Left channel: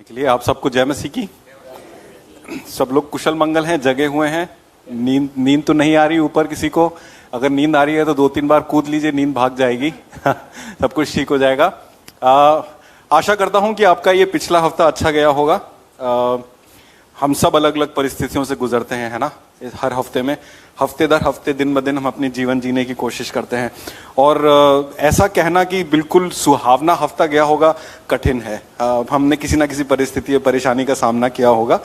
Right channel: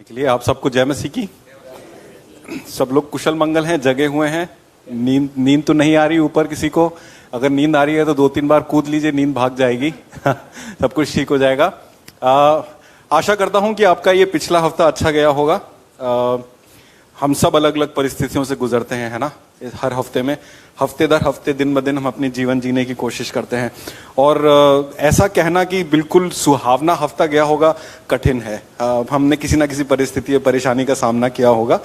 के लिए आप सबको जय मसीह की। सब लोग कुशल मंगल हैं, जगे हुए हैं। नींद तो नहीं आ रही ऊपर किसी को? अगर नींद आ रही है तो 2-3 बार कूद लीजिए, नींद भाग जाएगी। सब कुछ ठीक हो जाएगा। आशा करता हूं कि आपका ये पिछला हफ्ता अच्छा गया होगा। हम सब अलग अलग परिस्थितियों से गुजरते हैं, है ना। हर हफ्ते में, हफ्ते दर हफ्ते, दिन ब दिन हम अपनी जीवन जीने की कोशिश करते हैं। और ऐसा कहना कि बिल्कुल सुहावना हफ्ता गया होगा कठिन है। हमने किसी ना किसी परिस्थिति या परेशानी का सामना किया होगा।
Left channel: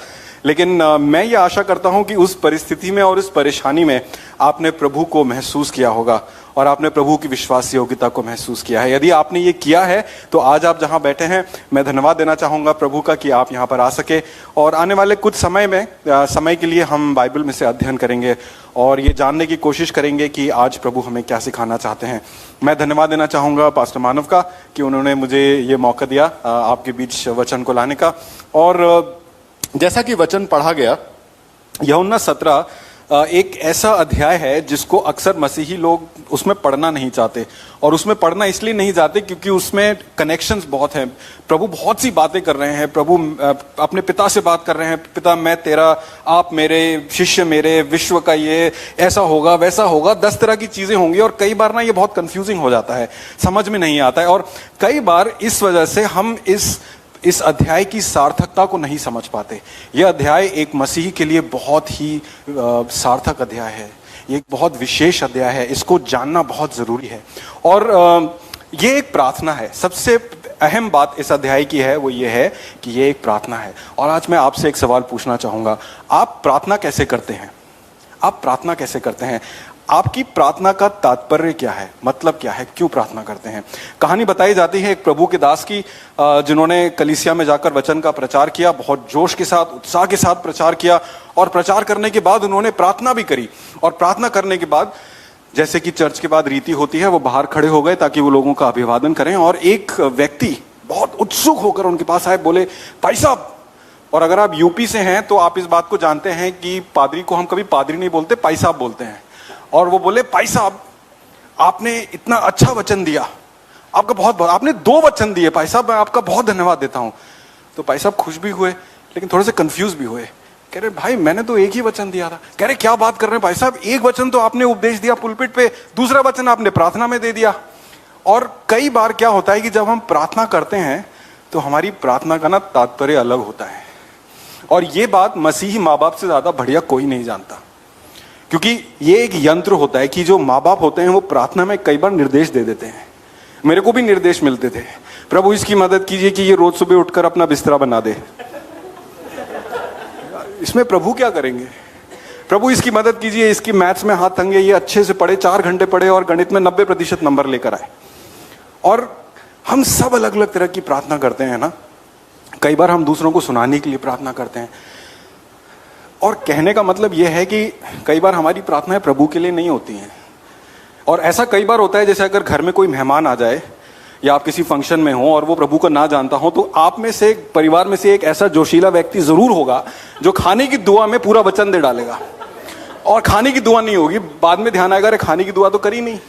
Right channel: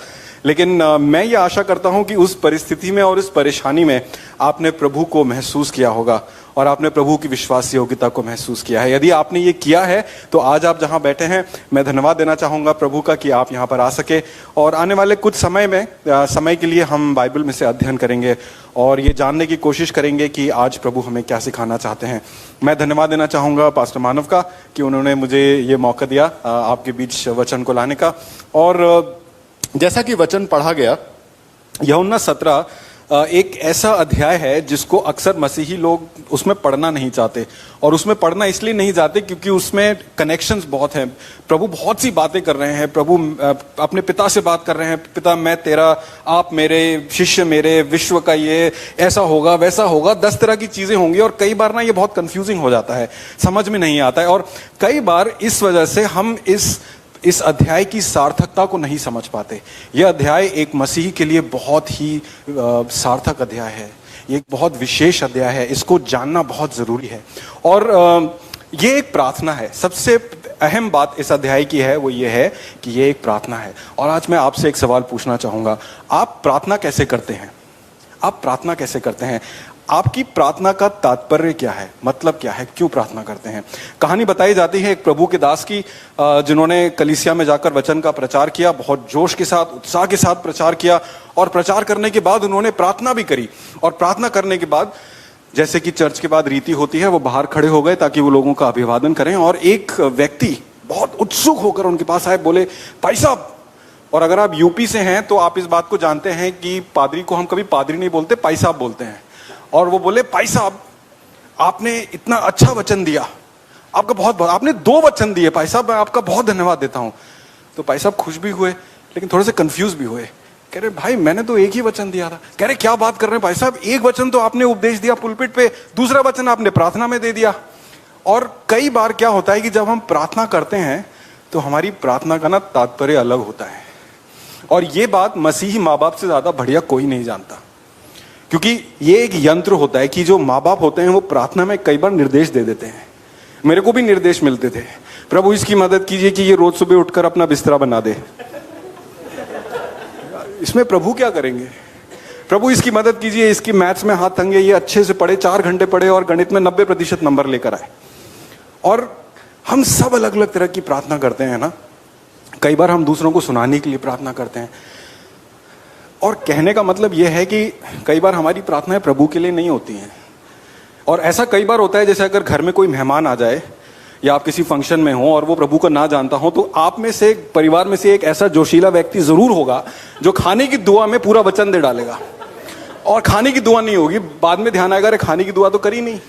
लेकिन मैं ये आशा करता हूं कि उस परिस्थिति में और उस परेशानी में आपने प्रभु को महसूस किया होगा और आपने प्रभु की विश्वास योग्यता को महसूस किया है। यदि आपने ये किया है तो आज आप जहां बैठे हैं, मैं धन्यवाद देना चाहूंगा प्रभु का कि आप यहां पर आ सके। और आने वाले कुछ समय के लिए हम बाइबल में से अध्ययन करेंगे और ये जानने की कोशिश करेंगे कि आज प्रभु हमें क्या सिखाना चाहते हैं। मैं धन्यवाद देना चाहूंगा पास्टर मानव का कि उन्होंने मुझे ये मौका दिया आपके बीच वचन को लाने का। और जैसा कि वचन पढ़ा गया, यूहन्ना 17 एक ऐसा अध्याय है जिसको अक्सर मसीही लोग उसमें पढ़ना नहीं चाहते। और उसमें पढ़ना इसलिए नहीं चाहते क्योंकि उसमें कनेक्शंस बहुत हैं। प्रभु बहुत सी बातें कर रहे हैं। प्रभु अपने पिता से बात कर रहे हैं, पिता मैं तेरा, आप मेरे, शिष्य मेरे, विश्व का ये ऐसा होगा वैसा होगा, 10 तरह की चीजें होंगी। और कई बार ना ये बहुत कंफ्यूजिंग हो जाता है, समझ में नहीं आता है। और कई बार इस वजह से हम इस अध्याय की सार्थकता को नहीं समझ पाते। यह अध्याय एक मसीही के लिए बहुत ही सार्थक अध्याय है। ये एक बहुत विशेष अध्याय है, इसको जानना बहुत जरूरी है। और ये एक प्रार्थना है। सबसे अहम बात इस अध्याय की है वो ये है कि ये एक प्रार्थना है। और आज मैं आपसे एक सवाल पूछना चाहूंगा, आप प्रार्थना कैसे करते हैं? आप प्रार्थना कैसे करते हैं? आपकी प्रार्थना का तात्पर्य क्या है? मतलब क्या है? क्यों प्रार्थना करते हैं? कहानी बताई जाती है एक प्रभु के दास की, जिन्होंने कलीसिया में जाकर वचन का प्रचार किया, बहुत जोश के साथ, उत्साह के साथ प्रचार किया। और प्रचार करने के बाद उन्होंने प्रार्थना भी करी। और प्रार्थना करने के बाद, जैसे कि चर्च के बाद रीति होती है, वो बाहर खड़े हो गए ताकि वो लोगों का अभिवादन करें। और एक व्यक्ति बहुत उत्सुक होकर उनके पास आए, बोले, भाई साहब। और अगर आप यूपी से हैं तो आप इस बात को जानते हैं कि पादरी को हम कभी पादरी नहीं बोलते, भाई साहब बोलते हैं। और वो बोले, भाई साहब आपने इतना अच्छा वचन दिया, आपका बहुत, आपने 2 वचन दिए भाई साहब, मैं आपका बहुत धन्यवाद देता हूं। तो भाई साहब खुश भी हुए लेकिन थोड़े से कंफ्यूज भी हुए। कह रहे, भाई मैंने तो एक ही वचन दिया था। कह रहे, क्या बात कर रहे हैं भाई साहब, एक वचन तो आपने उपदेश दिया पुलपिट पे, दूसरा वचन आपने प्रार्थना में दे दिया। और कई बार क्या होता है कि जब हम प्रार्थना करते हैं तो हमारी प्रार्थना का ना तात्पर्य अलग होता है। और ये बात मसीही माँ बाप से ज्यादा बढ़िया कोई नहीं जानता। क्योंकि ये एक यंत्र होता है कि जो माँ बाप होते हैं वो प्रार्थना में कई बार निर्देश दे देते हैं। मेरे को भी निर्देश मिलते थे, प्रभु इसकी मदद कीजिए कि ये रोज सुबह उठकर अपना बिस्तरा बना दे। इसमें प्रभु क्या करेंगे? प्रभु इसकी मदद कीजिए, इसकी मैथ्स में हाथ तंगे, ये अच्छे से पढ़े, 4 घंटे पढ़े और गणित में 90% नंबर लेकर आए। और हम सब अलग अलग तरह की प्रार्थना करते हैं ना। कई बार हम दूसरों को सुनाने के लिए प्रार्थना करते हैं। और कहने का मतलब यह है कि कई बार हमारी प्रार्थनाएं प्रभु के लिए नहीं होती हैं। और ऐसा कई बार होता है, जैसे अगर घर में कोई मेहमान आ जाए या आप किसी फंक्शन में हो और वो प्रभु को ना जानता हो, तो आप में से, परिवार में से एक ऐसा जोशीला व्यक्ति जरूर होगा जो खाने की दुआ में पूरा वचन दे डालेगा। और खाने की दुआ नहीं होगी, बाद में ध्यान आएगा, अरे खाने की दुआ तो करी नहीं,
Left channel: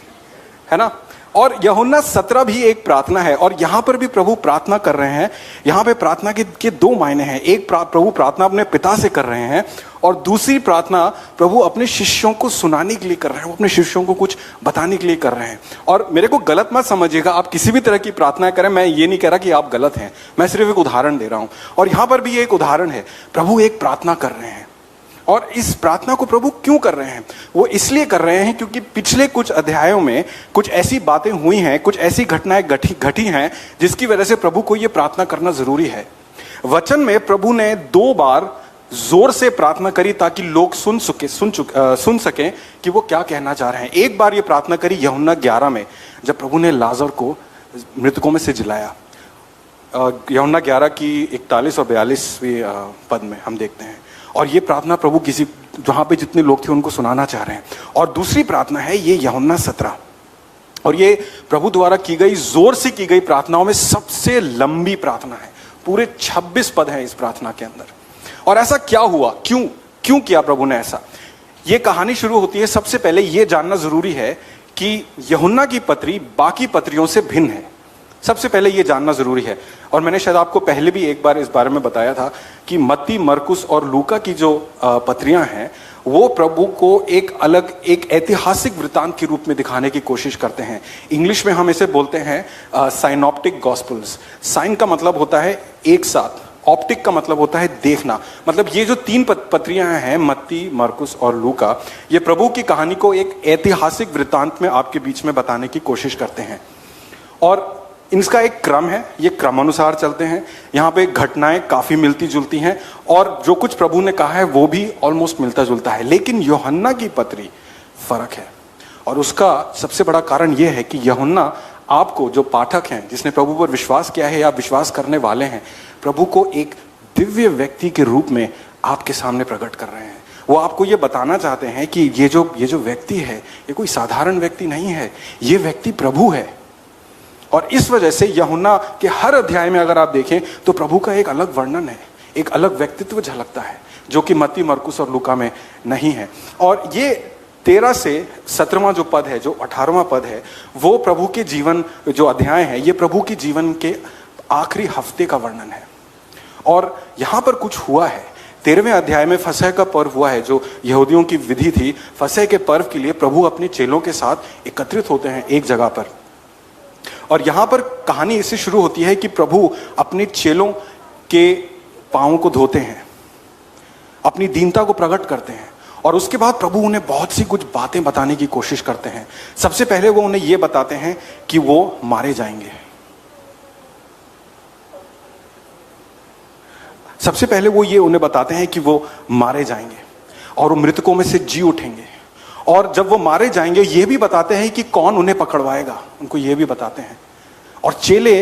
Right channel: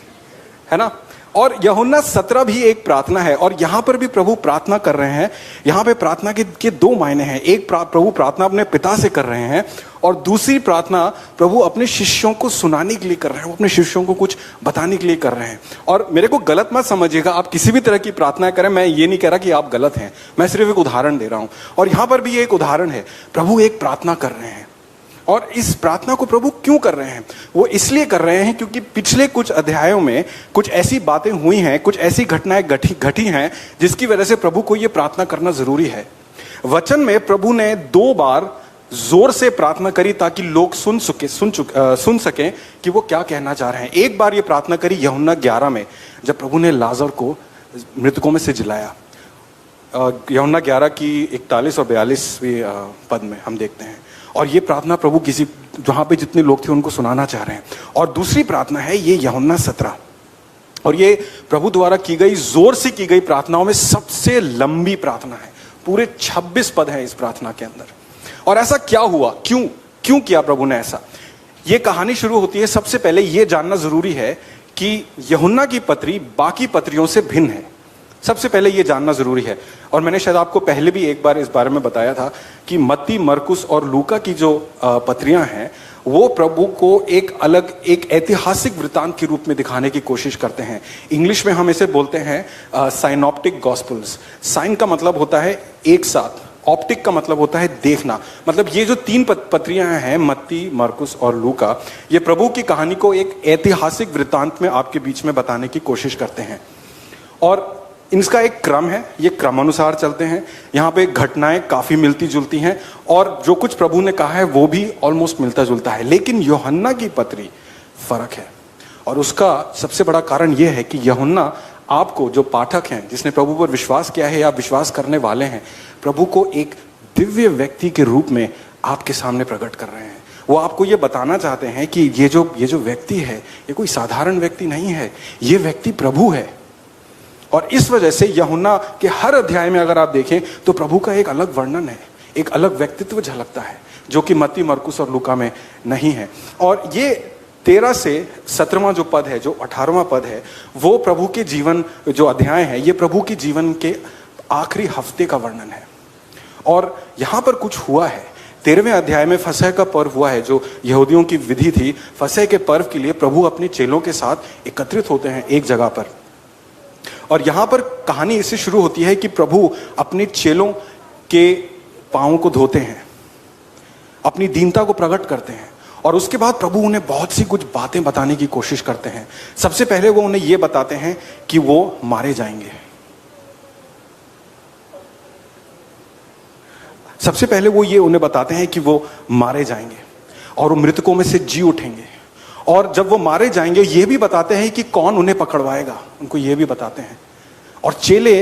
है ना। और यूहन्ना 17 भी एक प्रार्थना है। और यहां पर भी प्रभु प्रार्थना कर रहे हैं। यहां पे प्रार्थना के 2 मायने हैं। एक, प्रभु प्रार्थना अपने पिता से कर रहे हैं, और दूसरी प्रार्थना प्रभु अपने शिष्यों को सुनाने के लिए कर रहे हैं, वो अपने शिष्यों को कुछ बताने के लिए कर रहे हैं। और मेरे को गलत मत समझिएगा, आप किसी भी तरह की प्रार्थना करें, मैं ये नहीं कह रहा कि आप गलत हैं, मैं सिर्फ एक उदाहरण दे रहा हूं। और यहां पर भी ये एक उदाहरण है, प्रभु एक प्रार्थना कर रहे हैं। और इस प्रार्थना को प्रभु क्यों कर रहे हैं? वो इसलिए कर रहे हैं क्योंकि पिछले कुछ अध्यायों में कुछ ऐसी बातें हुई हैं, कुछ ऐसी घटनाएं घटी हैं जिसकी वजह से प्रभु को ये प्रार्थना करना जरूरी है। वचन में प्रभु ने 2 बार जोर से प्रार्थना करी ताकि लोग सुन सकें कि वो क्या कहना चाह रहे हैं। एक बार ये प्रार्थना करी यूहन्ना 11 में, जब प्रभु ने लाजर को मृतकों में से जिलाया। यूहन्ना 11 की 41 और 42वीं पद में हम देखते हैं। और ये प्रार्थना प्रभु किसी, जहां पे जितने लोग थे उनको सुनाना चाह रहे हैं। और दूसरी प्रार्थना है ये यूहन्ना 17, और ये प्रभु द्वारा की गई, जोर से की गई प्रार्थनाओं में सबसे लंबी प्रार्थना है। पूरे 26 पद हैं इस प्रार्थना के अंदर। और ऐसा क्या हुआ? क्यों किया प्रभु ने ऐसा? ये कहानी शुरू होती है, सबसे पहले ये जानना जरूरी है कि यूहन्ना की पत्री बाकी पत्रियों से भिन्न है। सबसे पहले ये जानना जरूरी है, और मैंने शायद आपको पहले भी एक बार इस बारे में बताया था कि मत्ती, मरकुस और लूका की जो पत्रियां हैं वो प्रभु को एक अलग, एक ऐतिहासिक वृतांत के रूप में दिखाने की कोशिश करते हैं। इंग्लिश में हम इसे बोलते हैं साइनॉप्टिक गॉस्पेल्स। साइन का मतलब होता है एक साथ, ऑप्टिक का मतलब होता है देखना। मतलब ये जो तीन पत्रियां हैं, मत्ती, मरकुस और लूका, ये प्रभु की कहानी को एक ऐतिहासिक वृतांत में आपके बीच में बताने की कोशिश करते हैं। और इनका एक क्रम है, ये क्रमानुसार चलते हैं। यहाँ पे घटनाएं काफी मिलती जुलती हैं और जो कुछ प्रभु ने कहा है वो भी ऑलमोस्ट मिलता जुलता है। लेकिन यूहन्ना की पत्री फर्क है, और उसका सबसे बड़ा कारण यह है कि यूहन्ना आपको, जो पाठक हैं, जिसने प्रभु पर विश्वास किया है या विश्वास करने वाले हैं, प्रभु को एक दिव्य व्यक्ति के रूप में आपके सामने प्रकट कर रहे हैं। वो आपको ये बताना चाहते हैं कि ये जो व्यक्ति है, ये कोई साधारण व्यक्ति नहीं है, ये व्यक्ति प्रभु है। और इस वजह से यूहन्ना के हर अध्याय में अगर आप देखें तो प्रभु का एक अलग वर्णन है, एक अलग व्यक्तित्व झलकता है, जो कि मत्ती, मरकुस और लूका में नहीं है। और ये 13 से 17वां जो पद है, जो 18वां पद है, वो प्रभु के जीवन, जो अध्याय है, ये प्रभु के जीवन के आखिरी हफ्ते का वर्णन है। और यहां पर कुछ हुआ है। 13वें अध्याय में फसह का पर्व हुआ है, जो यहूदियों की विधि थी। फसह के पर्व के लिए प्रभु अपने चेलों के साथ एकत्रित होते हैं एक जगह पर, और यहां पर कहानी इससे शुरू होती है कि प्रभु अपने चेलों के पांवों को धोते हैं, अपनी दीनता को प्रकट करते हैं, और उसके बाद प्रभु उन्हें बहुत सी कुछ बातें बताने की कोशिश करते हैं। सबसे पहले वो उन्हें यह बताते हैं कि वो मारे जाएंगे। सबसे पहले वो ये उन्हें बताते हैं कि वो मारे जाएंगे और वो मृतकों में से जी उठेंगे। और जब वो मारे जाएंगे ये भी बताते हैं कि कौन उन्हें पकड़वाएगा, उनको ये भी बताते हैं। और चेले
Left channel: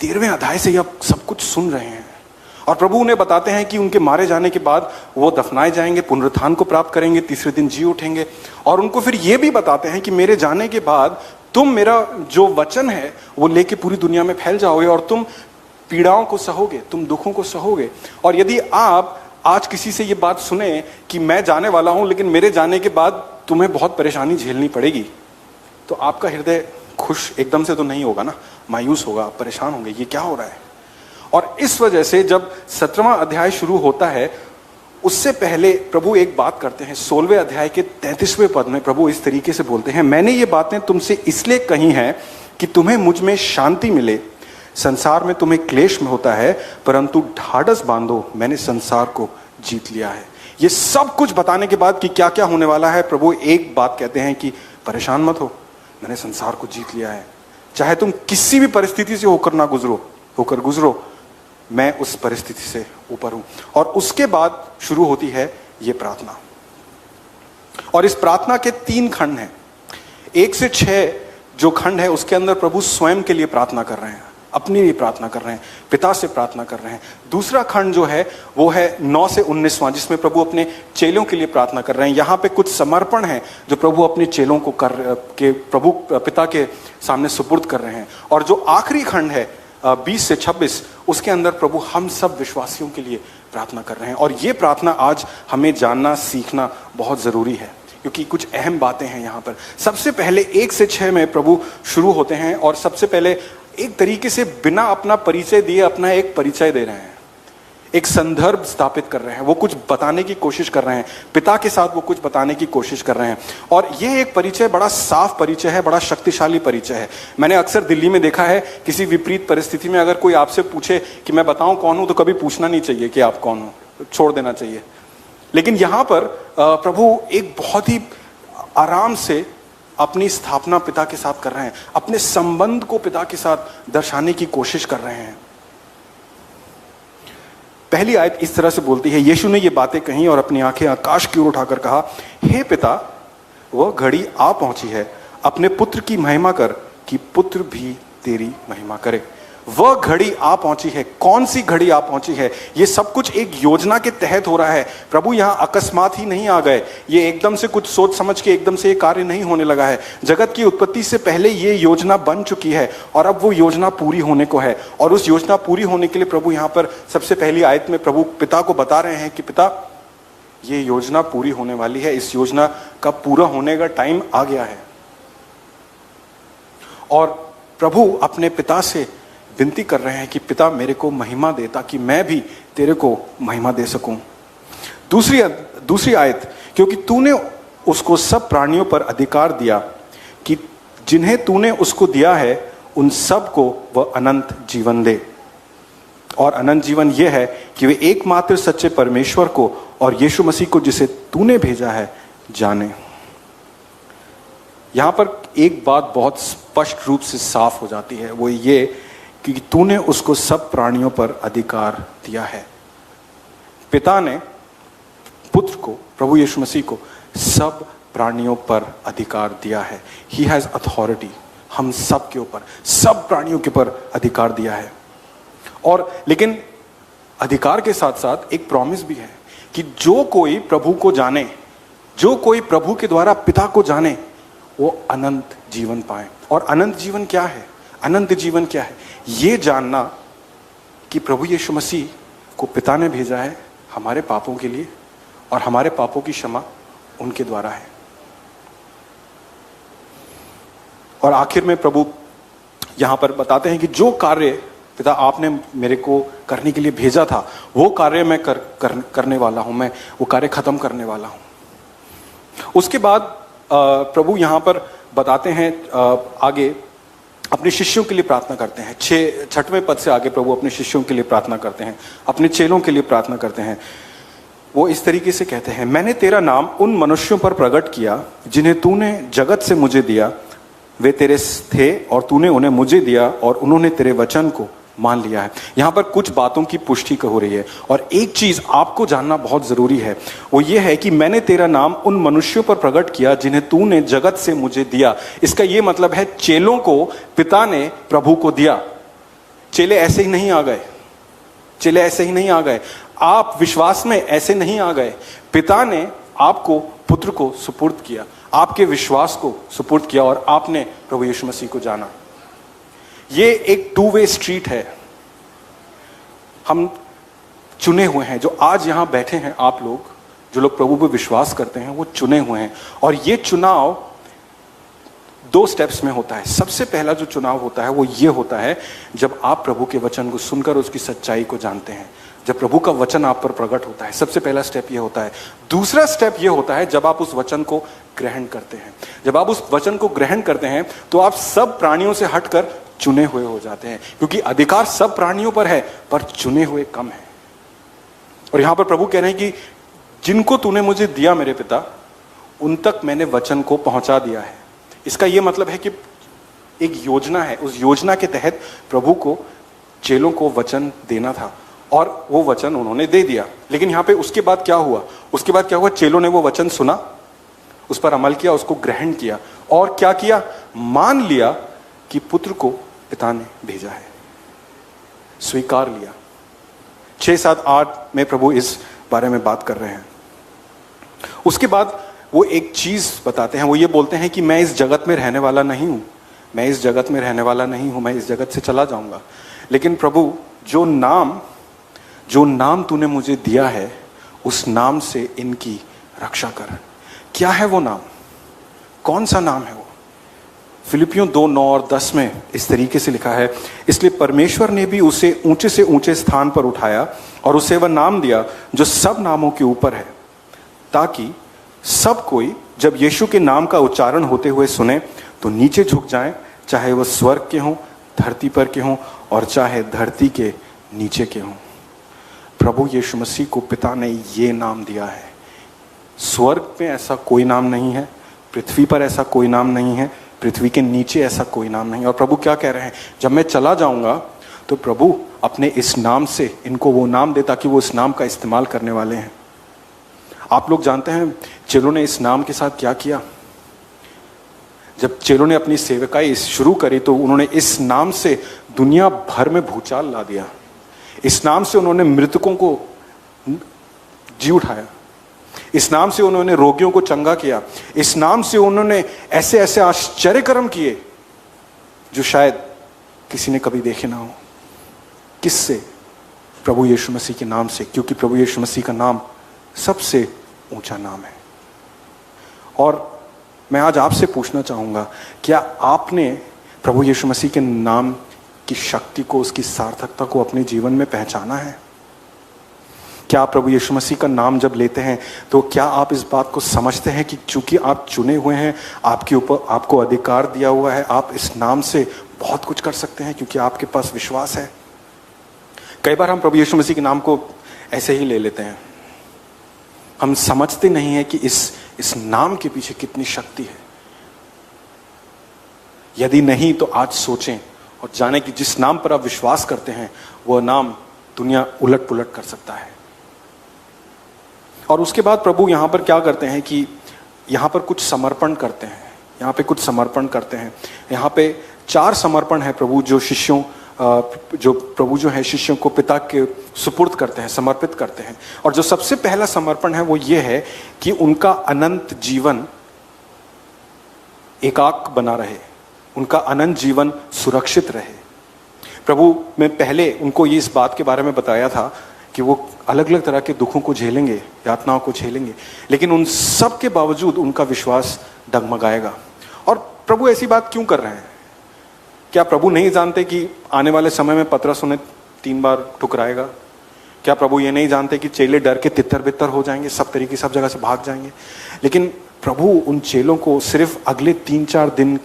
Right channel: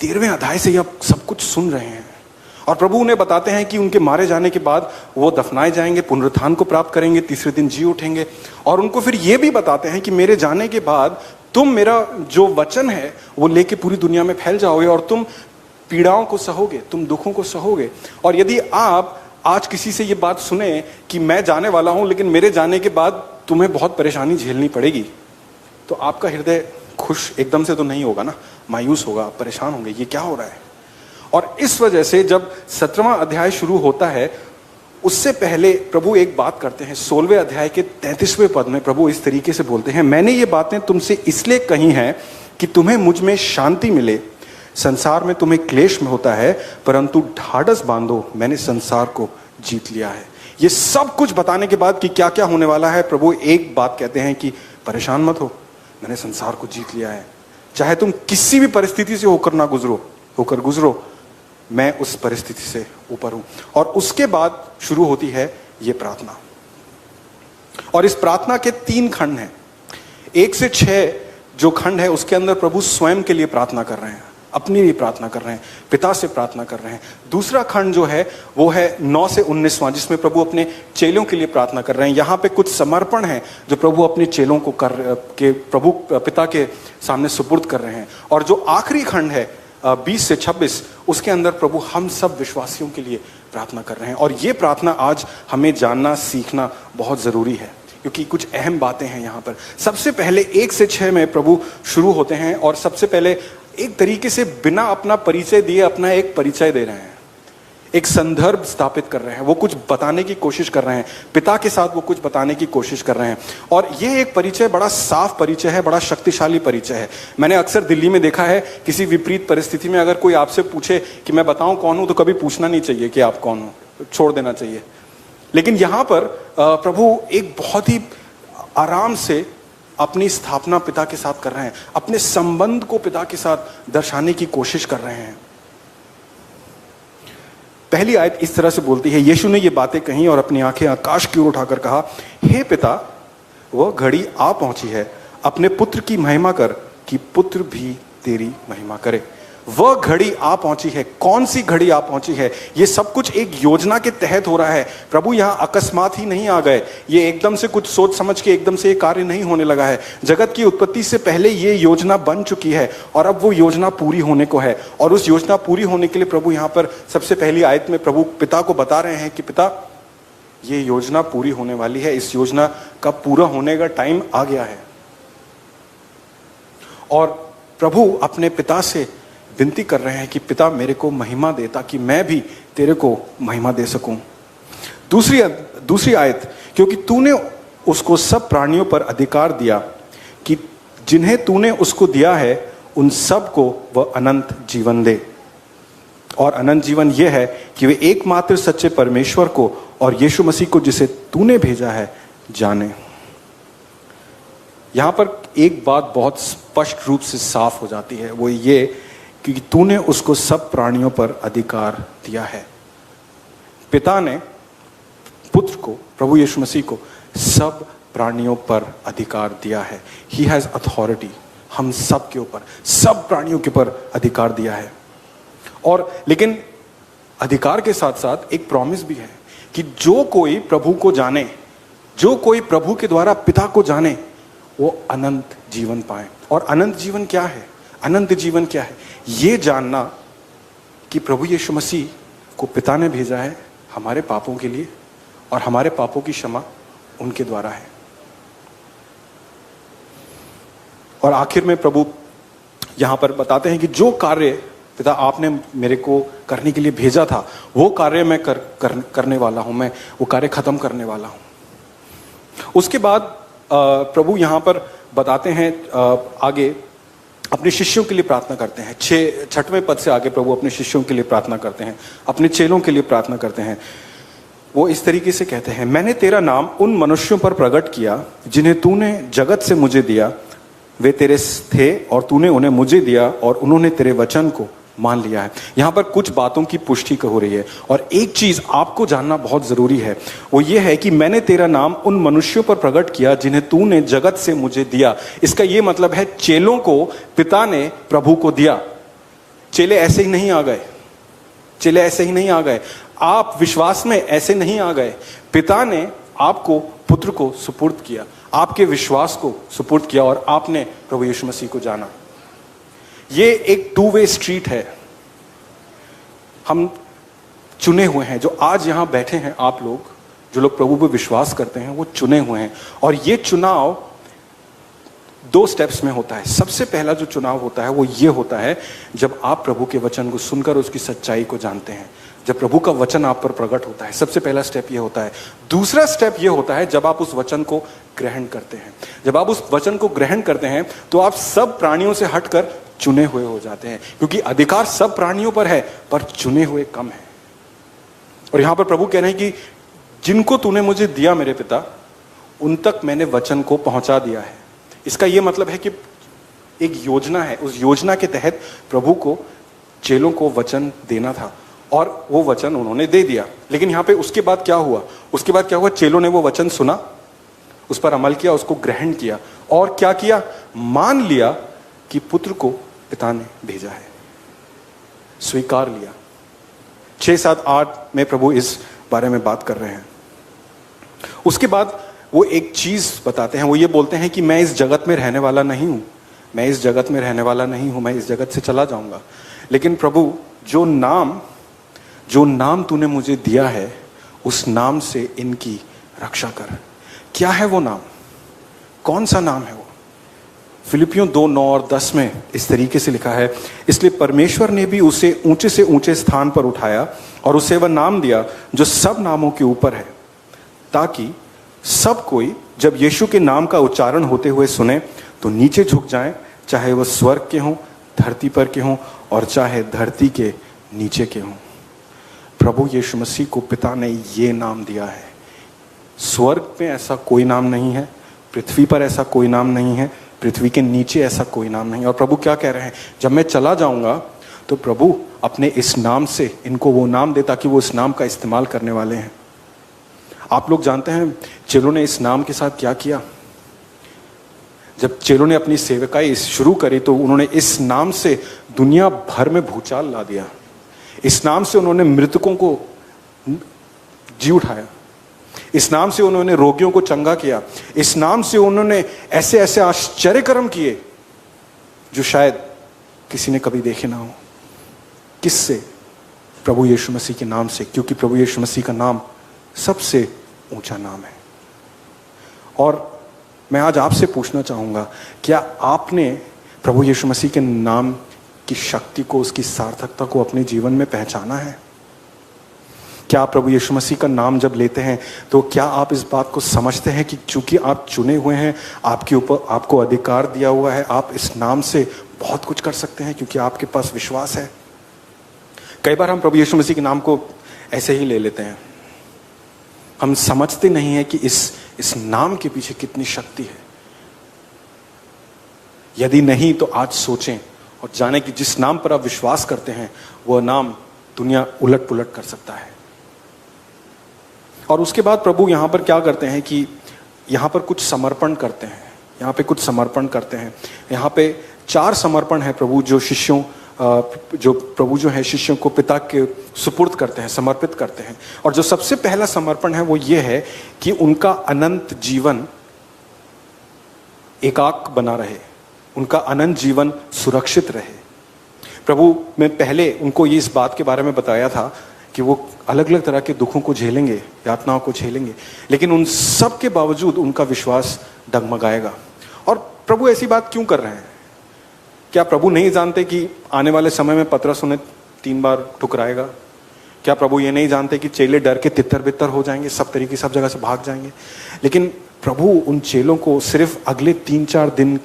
13वें अध्याय से यह सब कुछ सुन रहे हैं, और प्रभु उन्हें बताते हैं कि उनके मारे जाने के बाद वो दफनाए जाएंगे, पुनरुत्थान को प्राप्त करेंगे, तीसरे दिन जी उठेंगे। और उनको फिर ये भी बताते हैं कि मेरे जाने के बाद तुम मेरा जो वचन है वो लेके पूरी दुनिया में फैल जाओगे, और तुम पीड़ाओं को सहोगे, तुम दुखों को सहोगे। और यदि आप आज किसी से ये बात सुने कि मैं जाने वाला हूं, लेकिन मेरे जाने के बाद तुम्हें बहुत परेशानी झेलनी पड़ेगी, तो आपका हृदय खुश एकदम से तो नहीं होगा ना, मायूस होगा, परेशान होंगे, ये क्या हो रहा है। और इस वजह से जब 17वां अध्याय शुरू होता है, उससे पहले प्रभु एक बात करते हैं। 16वें अध्याय के 33वें पद में प्रभु इस तरीके से बोलते हैं, मैंने ये बातें तुमसे इसलिए कही हैं कि तुम्हें मुझ में शांति मिले। संसार में तुम्हें क्लेश में होता है, परंतु ढाढ़स बांधो, मैंने संसार को जीत लिया है। ये सब कुछ बताने के बाद कि क्या क्या होने वाला है, प्रभु एक बात कहते हैं कि परेशान मत हो, मैंने संसार को जीत लिया है। चाहे तुम किसी भी परिस्थिति से होकर गुजरो, मैं उस परिस्थिति से ऊपर हूं। और उसके बाद शुरू होती है ये प्रार्थना, और इस प्रार्थना के 3 खंड हैं। 1 से 6 जो खंड है उसके अंदर प्रभु स्वयं के लिए प्रार्थना कर रहे हैं, अपने लिए प्रार्थना कर रहे हैं, पिता से प्रार्थना कर रहे हैं। दूसरा खंड जो है वो है 9 से 19वां, जिसमें प्रभु अपने चेलों के लिए प्रार्थना कर रहे हैं। यहाँ पे कुछ समर्पण है जो प्रभु अपने चेलों को प्रभु पिता के सामने सुपुर्द कर रहे हैं। और जो आखिरी खंड है 20 से 26, उसके अंदर प्रभु हम सब विश्वासियों के लिए प्रार्थना कर रहे हैं। और ये प्रार्थना आज हमें जानना, सीखना बहुत जरूरी है, क्योंकि कुछ अहम बातें हैं यहाँ पर। सबसे पहले 1 से 6 में प्रभु शुरू होते हैं, और सबसे पहले एक तरीके से बिना अपना परिचय दिए अपना एक परिचय दे रहे हैं, एक संदर्भ स्थापित कर रहे हैं। वो कुछ बताने की कोशिश कर रहे हैं, पिता के साथ वो कुछ बताने की कोशिश कर रहे हैं। और ये एक परिचय बड़ा साफ परिचय है, बड़ा शक्तिशाली परिचय है। मैंने अक्सर दिल्ली में देखा है, किसी विपरीत परिस्थिति में अगर कोई आपसे पूछे कि मैं बताऊं कौन हूं, तो कभी पूछना नहीं चाहिए कि आप कौन हो, छोड़ देना चाहिए। लेकिन यहां पर प्रभु एक बहुत ही आराम से अपनी स्थापना पिता के साथ कर रहे हैं, अपने संबंध को पिता के साथ दर्शाने की कोशिश कर रहे हैं। पहली आयत इस तरह से बोलती है, यीशु ने ये बातें कही और अपनी आंखें आकाश की ओर उठाकर कहा, हे पिता, वह घड़ी आ पहुंची है, अपने पुत्र की महिमा कर कि पुत्र भी तेरी महिमा करे। वह घड़ी आ पहुंची है। कौन सी घड़ी आ पहुंची है? ये सब कुछ एक योजना के तहत हो रहा है। प्रभु यहां अकस्मात ही नहीं आ गए, ये एकदम से कुछ सोच समझ के एकदम से ये कार्य नहीं होने लगा है। जगत की उत्पत्ति से पहले ये योजना बन चुकी है और अब वो योजना पूरी होने को है। और उस योजना पूरी होने के लिए प्रभु यहां पर सबसे पहली आयत में प्रभु पिता को बता रहे हैं कि पिता, ये योजना पूरी होने वाली है, इस योजना का पूरा होने का टाइम आ गया है। और प्रभु अपने पिता से विनती कर रहे हैं कि पिता मेरे को महिमा दे ताकि मैं भी तेरे को महिमा दे सकूं। दूसरी आयत, क्योंकि तूने उसको सब प्राणियों पर अधिकार दिया कि जिन्हें तूने उसको दिया है उन सब को वह अनंत जीवन दे। और अनंत जीवन यह है कि वे एकमात्र सच्चे परमेश्वर को और यीशु मसीह को जिसे तूने भेजा है जाने। यहां पर एक बात बहुत स्पष्ट रूप से साफ हो जाती है, वो ये कि तूने उसको सब प्राणियों पर अधिकार दिया है। पिता ने पुत्र को, प्रभु यीशु मसीह को सब प्राणियों पर अधिकार दिया है। ही हैज अथॉरिटी, हम सब के ऊपर, सब प्राणियों के ऊपर अधिकार दिया है। और लेकिन अधिकार के साथ साथ एक प्रॉमिस भी है कि जो कोई प्रभु को जाने, जो कोई प्रभु के द्वारा पिता को जाने, वो अनंत जीवन पाए। और अनंत जीवन क्या है? अनंत जीवन क्या है? ये जानना कि प्रभु यीशु मसीह को पिता ने भेजा है हमारे पापों के लिए, और हमारे पापों की क्षमा उनके द्वारा है। और आखिर में प्रभु यहां पर बताते हैं कि जो कार्य पिता आपने मेरे को करने के लिए भेजा था, वो कार्य मैं करने वाला हूं, मैं वो कार्य खत्म करने वाला हूं। उसके बाद प्रभु यहां पर बताते हैं, आगे अपने शिष्यों के लिए प्रार्थना करते हैं। 6वें पद से आगे प्रभु अपने शिष्यों के लिए प्रार्थना करते हैं, अपने चेलों के लिए प्रार्थना करते हैं। वो इस तरीके से कहते हैं, मैंने तेरा नाम उन मनुष्यों पर प्रकट किया जिन्हें तूने जगत से मुझे दिया। वे तेरे थे और तूने उन्हें मुझे दिया और उन्होंने तेरे वचन को मान लिया है। यहां पर कुछ बातों की पुष्टि हो रही है, और एक चीज आपको जानना बहुत जरूरी है, वो ये है कि मैंने तेरा नाम उन मनुष्यों पर प्रकट किया जिन्हें तूने जगत से मुझे दिया। इसका ये मतलब है चेलों को पिता ने प्रभु को दिया। चेले ऐसे ही नहीं आ गए, चेले ऐसे ही नहीं आ गए, आप विश्वास में ऐसे नहीं आ गए। पिता ने आपको पुत्र को सुपुर्द किया, आपके विश्वास को सुपुर्द किया, और आपने प्रभु यीशु मसीह को जाना। ये एक 2 वे स्ट्रीट है। हम चुने हुए हैं, जो आज यहां बैठे हैं, आप लोग जो लोग प्रभु पे विश्वास करते हैं, वो चुने हुए हैं। और ये चुनाव 2 स्टेप्स में होता है। सबसे पहला जो चुनाव होता है वो ये होता है जब आप प्रभु के वचन को सुनकर उसकी सच्चाई को जानते हैं, जब प्रभु का वचन आप पर प्रकट होता है। सबसे पहला स्टेप ये होता है। दूसरा स्टेप ये होता है जब आप उस वचन को ग्रहण करते हैं। जब आप उस वचन को ग्रहण करते हैं तो आप सब प्राणियों से हटकर चुने हुए हो जाते हैं, क्योंकि अधिकार सब प्राणियों पर है पर चुने हुए कम है। और यहां पर प्रभु कह रहे हैं कि जिनको तूने मुझे दिया मेरे पिता, उन तक मैंने वचन को पहुंचा दिया है। इसका यह मतलब है कि एक योजना है, उस योजना के तहत प्रभु को चेलों को वचन देना था, और वो वचन उन्होंने दे दिया। लेकिन यहां पे उसके बाद क्या हुआ? उसके बाद क्या हुआ? चेलों ने वो वचन सुना, उस पर अमल किया, उसको ग्रहण किया, और क्या किया? मान लिया कि पुत्र को पिता ने भेजा है, स्वीकार लिया। 6, 7, 8 में प्रभु इस बारे में बात कर रहे हैं। उसके बाद वो एक चीज बताते हैं, वो ये बोलते हैं कि मैं इस जगत में रहने वाला नहीं हूं, मैं इस जगत में रहने वाला नहीं हूं, मैं इस जगत से चला जाऊंगा। लेकिन प्रभु जो नाम तूने मुझे दिया है, उस नाम से इनकी रक्षा कर। क्या है वो नाम? कौन सा नाम है वो? फिलिपियों 2, 9 और 10 में इस तरीके से लिखा है, इसलिए परमेश्वर ने भी उसे ऊंचे से ऊंचे स्थान पर उठाया और उसे वह नाम दिया जो सब नामों के ऊपर है, ताकि सब कोई जब यीशु के नाम का उच्चारण होते हुए सुने तो नीचे झुक जाएं, चाहे वह स्वर्ग के हों, धरती पर के हों, और चाहे धरती के नीचे के हों। प्रभु यीशु मसीह को पिता ने ये नाम दिया है। स्वर्ग में ऐसा कोई नाम नहीं है, पृथ्वी पर ऐसा कोई नाम नहीं है, पृथ्वी के नीचे ऐसा कोई नाम नहीं है। और प्रभु क्या कह रहे हैं? जब मैं चला जाऊंगा तो प्रभु अपने इस नाम से इनको वो नाम दे ताकि वो इस नाम का इस्तेमाल करने वाले हैं। आप लोग जानते हैं चेलों ने इस नाम के साथ क्या किया? जब चेलों ने अपनी सेवकाई शुरू करी तो उन्होंने इस नाम से दुनिया भर में भूचाल ला दिया। इस नाम से उन्होंने मृतकों को जी उठाया, इस नाम से उन्होंने रोगियों को चंगा किया, इस नाम से उन्होंने ऐसे ऐसे आश्चर्य कर्म किए जो शायद किसी ने कभी देखे ना हो। किससे? प्रभु यीशु मसीह के नाम से, क्योंकि प्रभु यीशु मसीह का नाम सबसे ऊंचा नाम है। और मैं आज आपसे पूछना चाहूंगा, क्या आपने प्रभु यीशु मसीह के नाम की शक्ति को, उसकी सार्थकता को अपने जीवन में पहचाना है? क्या प्रभु यीशु मसीह का नाम जब लेते हैं तो क्या आप इस बात को समझते हैं कि चूंकि आप चुने हुए हैं, आपके ऊपर आपको अधिकार दिया हुआ है, आप इस नाम से बहुत कुछ कर सकते हैं क्योंकि आपके पास विश्वास है? कई बार हम प्रभु यीशु मसीह के नाम को ऐसे ही ले लेते हैं, हम समझते नहीं है कि इस नाम के पीछे कितनी शक्ति है। यदि नहीं तो आज सोचें और जानें कि जिस नाम पर आप विश्वास करते हैं वह नाम दुनिया उलट पुलट कर सकता है। और उसके बाद प्रभु यहां पर क्या करते हैं कि यहां पर कुछ समर्पण करते हैं, यहां पे कुछ समर्पण करते हैं। यहां पे 4 समर्पण है प्रभु जो प्रभु जो है शिष्यों को पिता के सुपुर्द करते हैं, समर्पित करते हैं। और जो सबसे पहला समर्पण है वो ये है कि उनका अनंत जीवन एकाक बना रहे, उनका अनंत जीवन सुरक्षित रहे। प्रभु ने पहले उनको ये इस बात के बारे में बताया था कि वो अलग अलग तरह के दुखों को झेलेंगे, यातनाओं को झेलेंगे, लेकिन उन सब के बावजूद उनका विश्वास डगमगाएगा। और प्रभु ऐसी बात क्यों कर रहे हैं? क्या प्रभु नहीं जानते कि आने वाले समय में पतरस उन्हें 3 बार ठुकराएगा? क्या प्रभु ये नहीं जानते कि चेले डर के तितर बितर हो जाएंगे, सब तरीके सब जगह से भाग जाएंगे? लेकिन प्रभु उन चेलों को सिर्फ अगले 3-4 दिन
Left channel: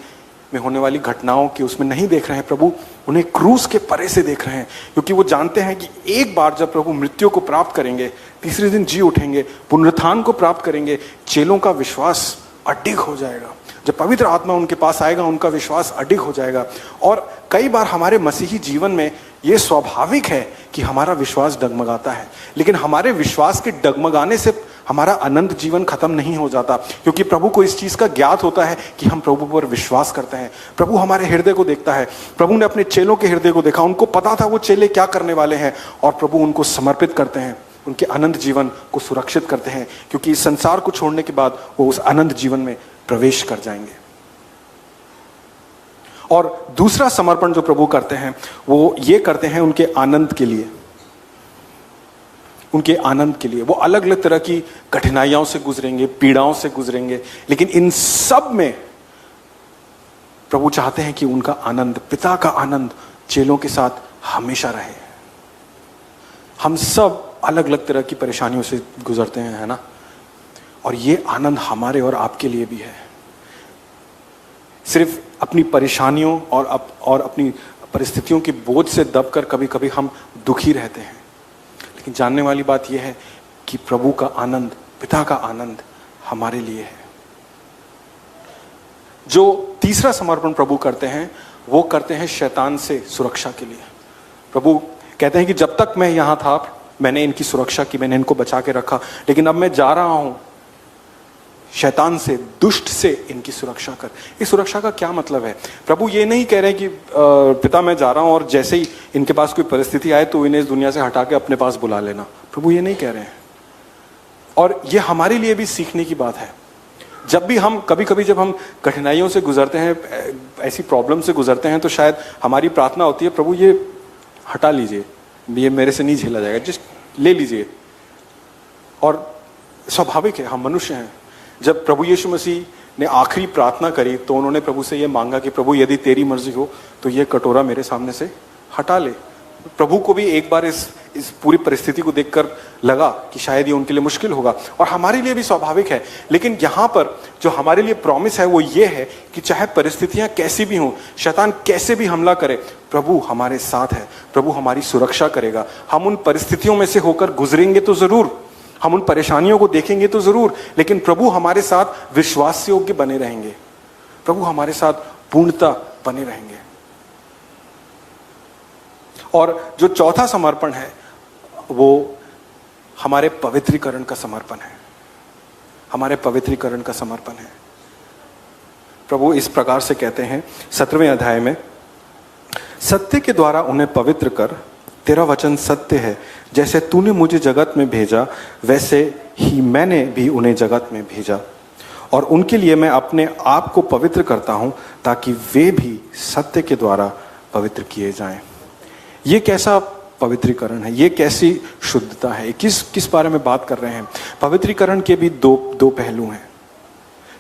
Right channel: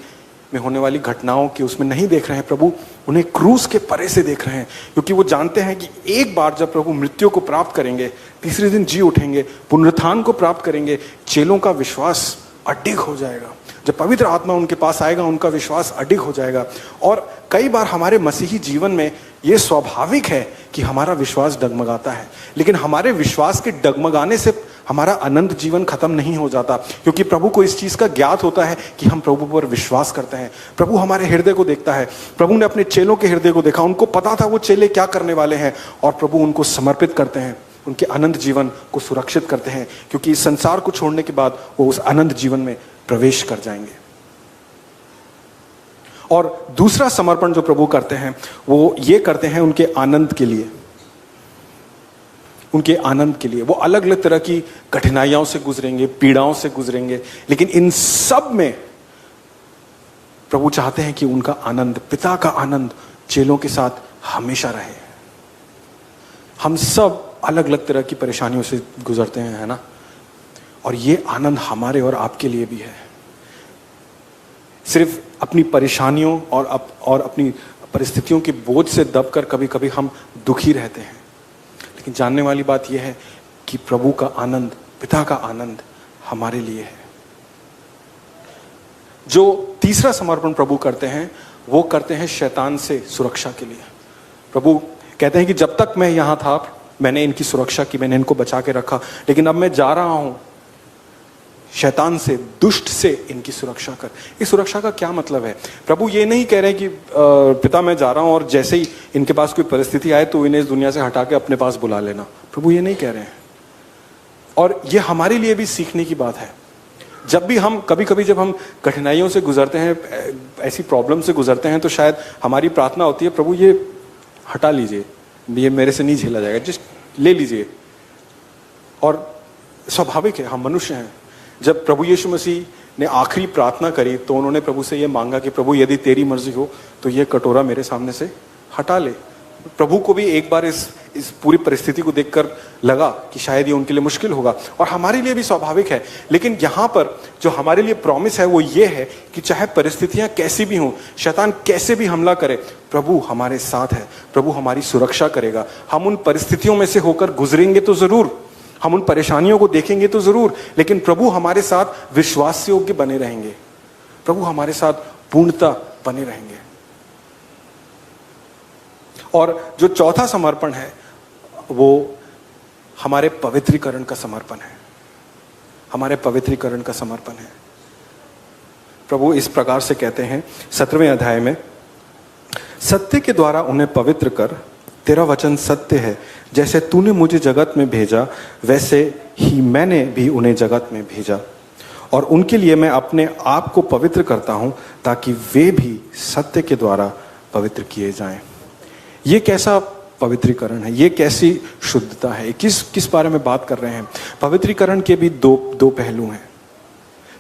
में होने वाली घटनाओं के उसमें नहीं देख रहे हैं, प्रभु उन्हें क्रूस के परे से देख रहे हैं, क्योंकि वो जानते हैं कि एक बार जब प्रभु मृत्यु को प्राप्त करेंगे, तीसरे दिन जी उठेंगे, पुनरुत्थान को प्राप्त करेंगे, चेलों का विश्वास अडिग हो जाएगा। जब पवित्र आत्मा उनके पास आएगा, उनका विश्वास अडिग हो जाएगा। और कई बार हमारे मसीही जीवन में यह स्वाभाविक है कि हमारा विश्वास डगमगाता है, लेकिन हमारे विश्वास के डगमगाने से हमारा अनंत जीवन खत्म नहीं हो जाता, क्योंकि प्रभु को इस चीज का ज्ञात होता है कि हम प्रभु पर विश्वास करते हैं। प्रभु हमारे हृदय को देखता है। प्रभु ने अपने चेलों के हृदय को देखा, उनको पता था वो चेले क्या करने वाले हैं, और प्रभु उनको समर्पित करते हैं, उनके अनंत जीवन को सुरक्षित करते हैं, क्योंकि इस संसार को छोड़ने के बाद वो उस अनंत जीवन में प्रवेश कर जाएंगे। और दूसरा समर्पण जो प्रभु करते हैं वो ये करते हैं उनके आनंद के लिए, उनके आनंद के लिए। वो अलग अलग तरह की कठिनाइयों से गुजरेंगे, पीड़ाओं से गुजरेंगे, लेकिन इन सब में प्रभु चाहते हैं कि उनका आनंद, पिता का आनंद चेलों के साथ हमेशा रहे। हम सब अलग अलग तरह की परेशानियों से गुजरते हैं, है ना? और ये आनंद हमारे और आपके लिए भी है। सिर्फ अपनी परेशानियों और अपनी परिस्थितियों के बोझ से दबकर कभी कभी हम दुखी रहते हैं, लेकिन जानने वाली बात यह है कि प्रभु का आनंद, पिता का आनंद हमारे लिए है। जो तीसरा समर्पण प्रभु करते हैं वो करते हैं शैतान से सुरक्षा के लिए। प्रभु कहते हैं कि जब तक मैं यहां था मैंने इनकी सुरक्षा की, मैंने इनको बचा के रखा, लेकिन अब मैं जा रहा हूं, शैतान से, दुष्ट से इनकी सुरक्षा कर। इस सुरक्षा का क्या मतलब है? प्रभु ये नहीं कह रहे कि पिता मैं जा रहा हूं और जैसे ही इनके पास कोई परिस्थिति आए तो इन्हें इस दुनिया से हटा के अपने पास बुला लेना। प्रभु ये नहीं कह रहे हैं। और ये हमारे लिए भी सीखने की बात है। जब भी हम कभी जब हम कठिनाइयों से गुजरते हैं, ऐसी प्रॉब्लम से गुजरते हैं, तो शायद हमारी प्रार्थना होती है प्रभु ये हटा लीजिए, ये मेरे से नहीं झेला जाएगा, जस्ट ले लीजिए। और स्वाभाविक है, हम मनुष्य हैं। जब प्रभु यीशु मसीह ने आखिरी प्रार्थना करी तो उन्होंने प्रभु से यह मांगा कि प्रभु यदि तेरी मर्जी हो तो ये कटोरा मेरे सामने से हटा ले। प्रभु को भी एक बार इस पूरी परिस्थिति को देखकर लगा कि शायद ये उनके लिए मुश्किल होगा, और हमारे लिए भी स्वाभाविक है। लेकिन यहां पर जो हमारे लिए प्रॉमिस है वो ये है कि चाहे परिस्थितियां कैसी भी हों, शैतान कैसे भी हमला करे, प्रभु हमारे साथ है, प्रभु हमारी सुरक्षा करेगा। हम उन परिस्थितियों में से होकर गुजरेंगे तो जरूर, हम उन परेशानियों को देखेंगे तो जरूर, लेकिन प्रभु हमारे साथ विश्वास योग्य बने रहेंगे, प्रभु हमारे साथ पूर्णता बने रहेंगे। और जो चौथा समर्पण है वो हमारे पवित्रीकरण का समर्पण है, हमारे पवित्रीकरण का समर्पण है। प्रभु इस प्रकार से कहते हैं 17वें अध्याय में, सत्य के द्वारा उन्हें पवित्र कर, तेरा वचन सत्य है, जैसे तूने मुझे जगत में भेजा वैसे ही मैंने भी उन्हें जगत में भेजा, और उनके लिए मैं अपने आप को पवित्र करता हूं ताकि वे भी सत्य के द्वारा पवित्र किए जाएं। ये कैसा पवित्रीकरण है? ये कैसी शुद्धता है? किस बारे में बात कर रहे हैं? पवित्रीकरण के भी दो पहलू हैं।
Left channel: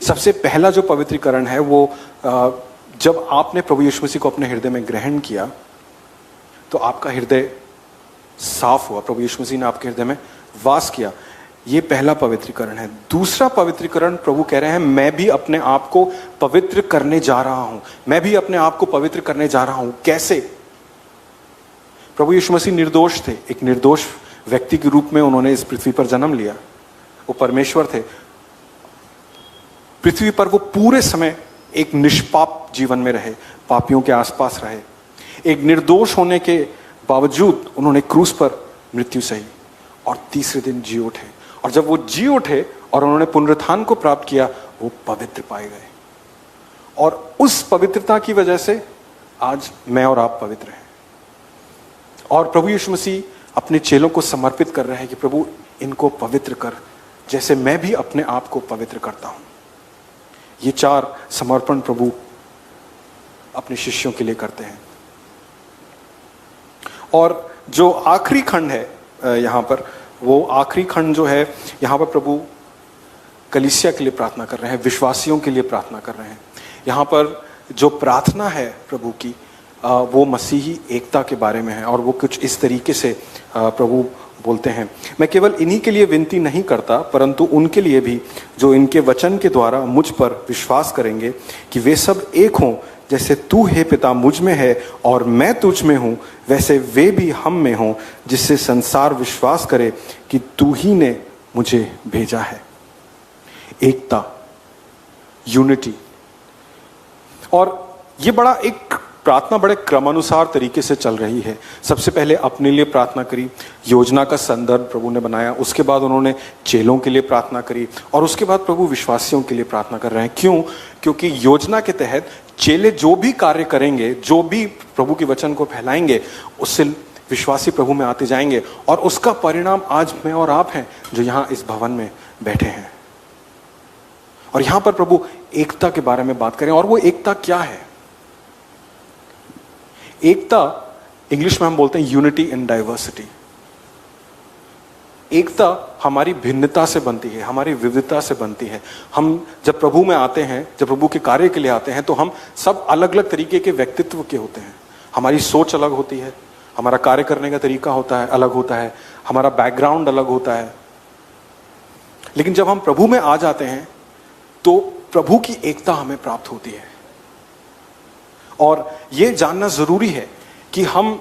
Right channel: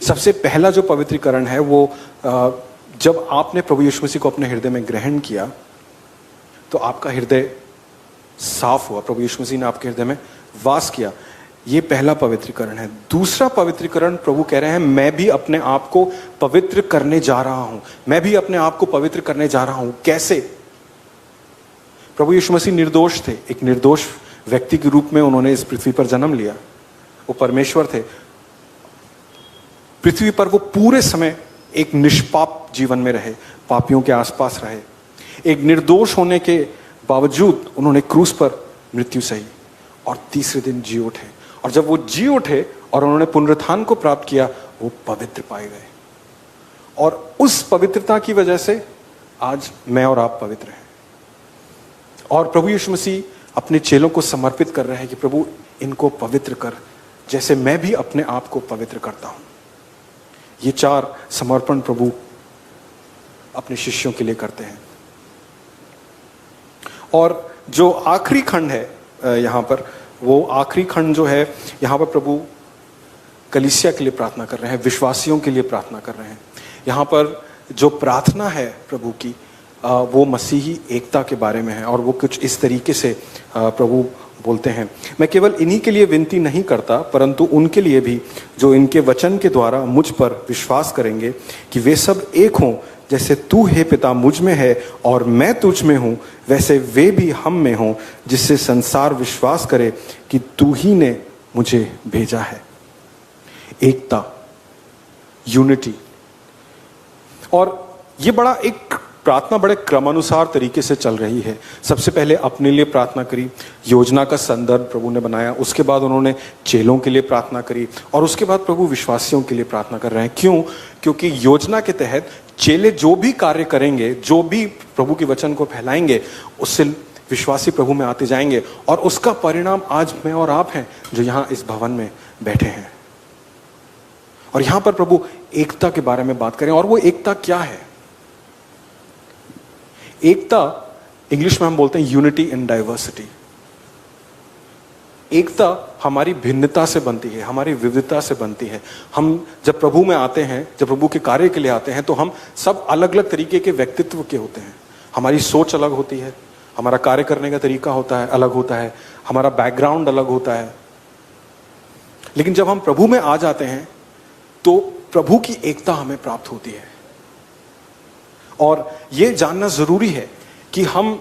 सबसे पहला जो पवित्रीकरण है वो जब आपने प्रभु यीशु मसीह को अपने हृदय में ग्रहण किया तो आपका हृदय साफ हुआ, प्रभु यीशु मसीह ने आपके हृदय में वास किया। ये पहला पवित्रीकरण है। दूसरा पवित्रीकरण प्रभु कह रहे हैं, मैं भी अपने आप को पवित्र करने जा रहा हूं, मैं भी अपने आप को पवित्र करने जा रहा हूं। कैसे? प्रभु यीशु मसीह निर्दोष थे, एक निर्दोष व्यक्ति के रूप में उन्होंने इस पृथ्वी पर जन्म लिया। वो परमेश्वर थे, पृथ्वी पर वो पूरे समय एक निष्पाप जीवन में रहे, पापियों के आसपास रहे। एक निर्दोष होने के बावजूद उन्होंने क्रूस पर मृत्यु सही और तीसरे दिन जी उठे। और जब वो जी उठे और उन्होंने पुनरुत्थान को प्राप्त किया, वो पवित्र पाए गए। और उस पवित्रता की वजह से आज मैं और आप पवित्र हैं। और प्रभु यीशु मसीह अपने चेलों को समर्पित कर रहे हैं कि प्रभु इनको पवित्र कर, जैसे मैं भी अपने आप को पवित्र करता हूं। ये 4 समर्पण प्रभु अपने शिष्यों के लिए करते हैं। और जो आखिरी खंड है यहां पर, वो आखिरी खंड जो है यहां पर प्रभु कलीसिया के लिए प्रार्थना कर रहे हैं, विश्वासियों के लिए प्रार्थना कर रहे हैं। यहां पर जो प्रार्थना है प्रभु की, वो मसीही एकता के बारे में है। और वो कुछ इस तरीके से प्रभु बोलते हैं, मैं केवल इन्हीं के लिए विनती नहीं करता, परंतु उनके लिए भी जो इनके वचन के द्वारा मुझ पर विश्वास करेंगे, कि वे सब एक हों, जैसे तू हे पिता मुझ में है और मैं तुझ में हूं, वैसे वे भी हम में हों, जिससे संसार विश्वास करे कि तू ही ने मुझे भेजा है। एकता, यूनिटी। और ये बड़ा एक प्रार्थना बड़े क्रमानुसार तरीके से चल रही है। सबसे पहले अपने लिए प्रार्थना करी, योजना का संदर्भ प्रभु ने बनाया, उसके बाद उन्होंने चेलों के लिए प्रार्थना करी, और उसके बाद प्रभु विश्वासियों के लिए प्रार्थना कर रहे हैं। क्यों? क्योंकि योजना के तहत चेले जो भी कार्य करेंगे, जो भी प्रभु के वचन को फैलाएंगे, उससे विश्वासी प्रभु में आते जाएंगे। और उसका परिणाम आज मैं और आप हैं जो यहां इस भवन में बैठे हैं। और यहां पर प्रभु एकता के बारे में बात करें। और वो एकता क्या है? एकता इंग्लिश में हम बोलते हैं यूनिटी इन डाइवर्सिटी। एकता हमारी भिन्नता से बनती है, हमारी विविधता से बनती है। हम जब प्रभु में आते हैं, जब प्रभु के कार्य के लिए आते हैं, तो हम सब अलग अलग तरीके के व्यक्तित्व के होते हैं। हमारी सोच अलग होती है, हमारा कार्य करने का तरीका होता है, अलग होता है, हमारा बैकग्राउंड अलग होता है। लेकिन जब हम प्रभु में आ जाते हैं तो प्रभु की एकता हमें प्राप्त होती है। और ये जानना जरूरी है कि हम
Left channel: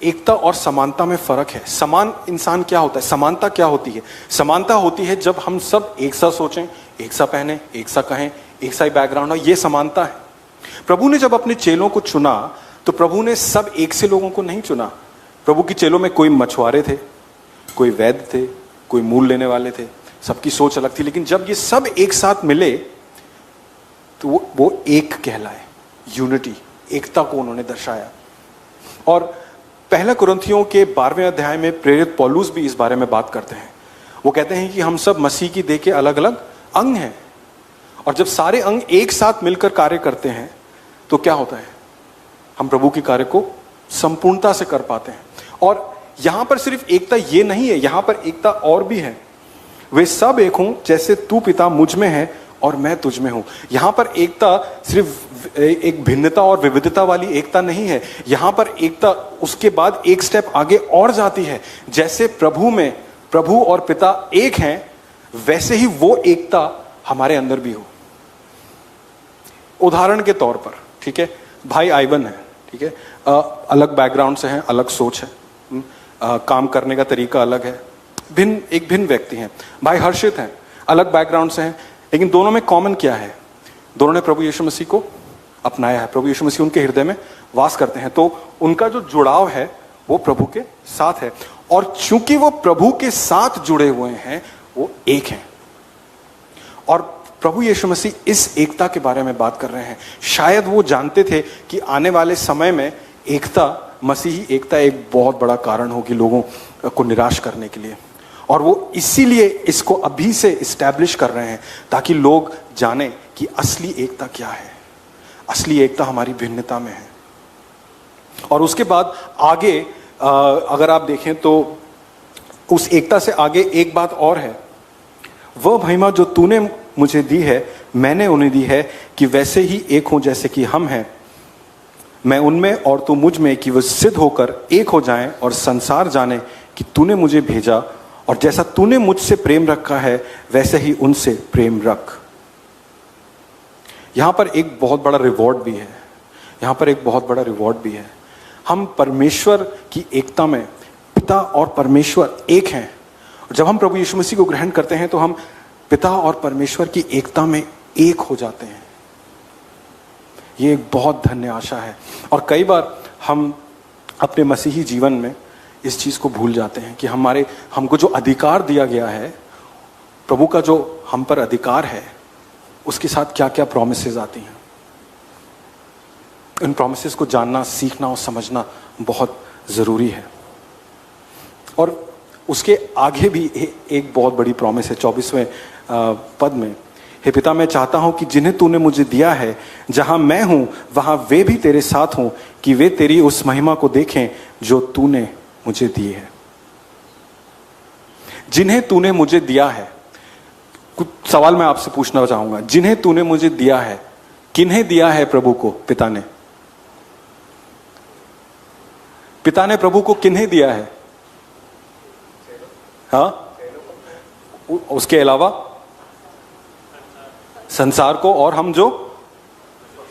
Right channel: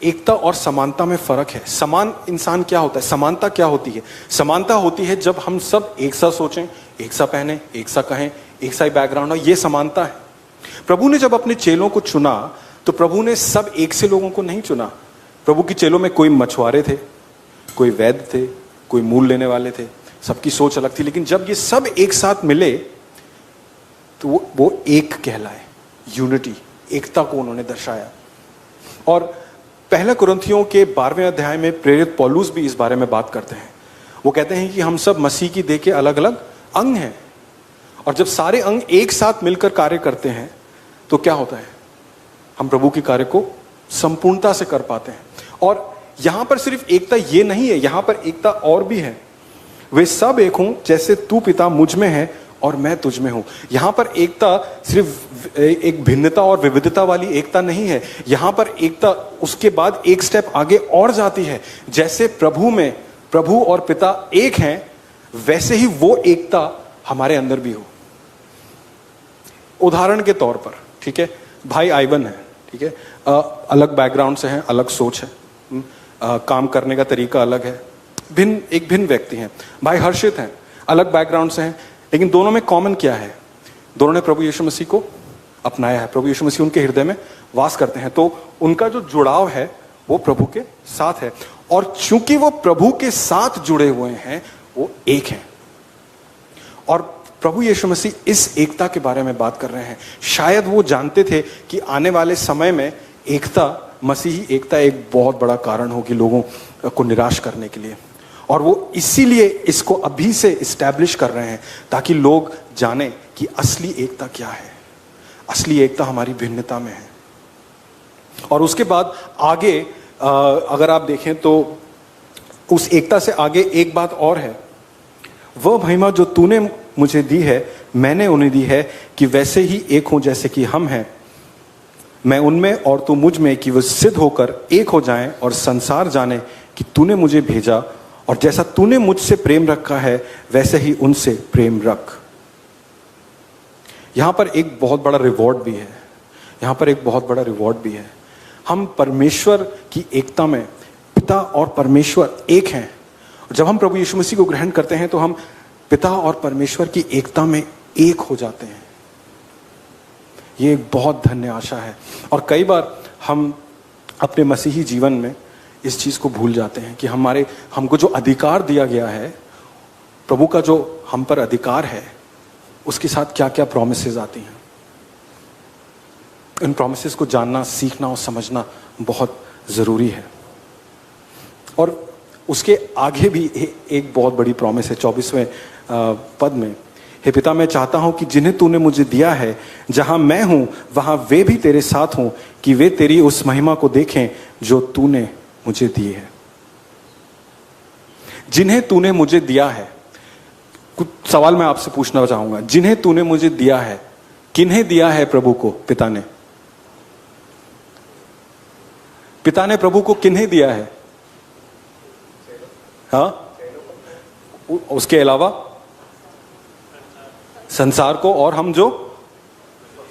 एकता और समानता में फर्क है। समान इंसान क्या होता है? समानता क्या होती है? समानता होती है जब हम सब एक सा सोचें, एक सा पहने, एक सा कहें, एक सा ही बैकग्राउंड हो, ये समानता है। प्रभु ने जब अपने चेलों को चुना तो प्रभु ने सब एक से लोगों को नहीं चुना। प्रभु के चेलों में कोई मछुआरे थे, कोई वैद्य थे, कोई मूल लेने वाले थे, सबकी सोच अलग थी। लेकिन जब ये सब एक साथ मिले तो वो एक कहलाए, यूनिटी, एकता को उन्होंने दर्शाया। और पहले कुरिन्थियों के 12वें अध्याय में प्रेरित पौलुस भी इस बारे में बात करते हैं। वो कहते हैं कि हम सब मसीह की देह के अलग अलग अंग हैं, और जब सारे अंग एक साथ मिलकर कार्य करते हैं तो क्या होता है? हम प्रभु के कार्य को संपूर्णता से कर पाते हैं। और यहां पर सिर्फ एकता ये नहीं है, यहां पर एकता और भी है। वे सब एक हों, जैसे तू पिता मुझ में है और मैं तुझ में हूं। यहां पर एकता सिर्फ एक भिन्नता और विविधता वाली एकता नहीं है। यहां पर एकता उसके बाद एक स्टेप आगे और जाती है। जैसे प्रभु में प्रभु और पिता एक हैं, वैसे ही वो एकता हमारे अंदर भी हो। उदाहरण के तौर पर, ठीक है, भाई आइवन है, ठीक है, अलग बैकग्राउंड से हैं, अलग सोच है, काम करने का तरीका अलग है, भिन्न व्यक्ति हैं। भाई हर्षित हैं, अलग बैकग्राउंड से हैं, लेकिन दोनों में कॉमन क्या है? दोनों ने प्रभु यीशु मसीह को अपनाया है, प्रभु यीशु मसीह उनके हृदय में वास करते हैं। तो उनका जो जुड़ाव है वो प्रभु के साथ है। और चूंकि वो प्रभु के साथ जुड़े हुए हैं, वो एक हैं। और प्रभु यीशु मसीह इस एकता के बारे में बात कर रहे हैं। शायद वो जानते थे कि आने वाले समय में एकता, मसीही एकता एक बहुत बड़ा कारण होगी लोगों को निराश करने के लिए। और वो इसीलिए इसको अभी से इस्टेब्लिश कर रहे हैं, ताकि लोग जाने कि असली एकता क्या है। असली एकता हमारी भिन्नता में है। और उसके बाद आगे अगर आप देखें तो उस एकता से आगे एक बात और है, वह महिमा जो तूने मुझे दी है मैंने उन्हें दी है कि वैसे ही एक हों जैसे कि हम हैं, मैं उनमें और तू मुझ में, कि वे सिद्ध होकर एक हो जाएं और संसार जाने कि तूने मुझे भेजा, और जैसा तूने मुझसे प्रेम रखा है वैसे ही उनसे प्रेम रख। यहां पर एक बहुत बड़ा रिवॉर्ड भी है, यहां पर एक बहुत बड़ा रिवॉर्ड भी है। हम परमेश्वर की एकता में, पिता और परमेश्वर एक हैं। जब हम प्रभु यीशु मसीह को ग्रहण करते हैं तो हम पिता और परमेश्वर की एकता में एक हो जाते हैं। ये एक बहुत धन्य आशा है। और कई बार हम अपने मसीही जीवन में इस चीज को भूल जाते हैं कि हमको जो अधिकार दिया गया है, प्रभु का जो हम पर अधिकार है, उसके साथ क्या क्या प्रॉमिसेस आती हैं। इन प्रॉमिसेस को जानना, सीखना और समझना बहुत जरूरी है। और उसके आगे भी एक बहुत बड़ी प्रॉमिस है 24वें पद में, हे पिता मैं चाहता हूं कि जिन्हें तूने मुझे दिया है, जहां मैं हूं वहां वे भी तेरे साथ हों, कि वे तेरी उस महिमा को देखें जो तूने मुझे दी है। जिन्हें तूने मुझे दिया है, कुछ सवाल मैं आपसे पूछना चाहूंगा। जिन्हें तूने मुझे दिया है, किन्हें दिया है प्रभु को? पिता ने। पिता ने प्रभु को किन्हें दिया है? हाँ, उसके अलावा संसार को, और हम जो,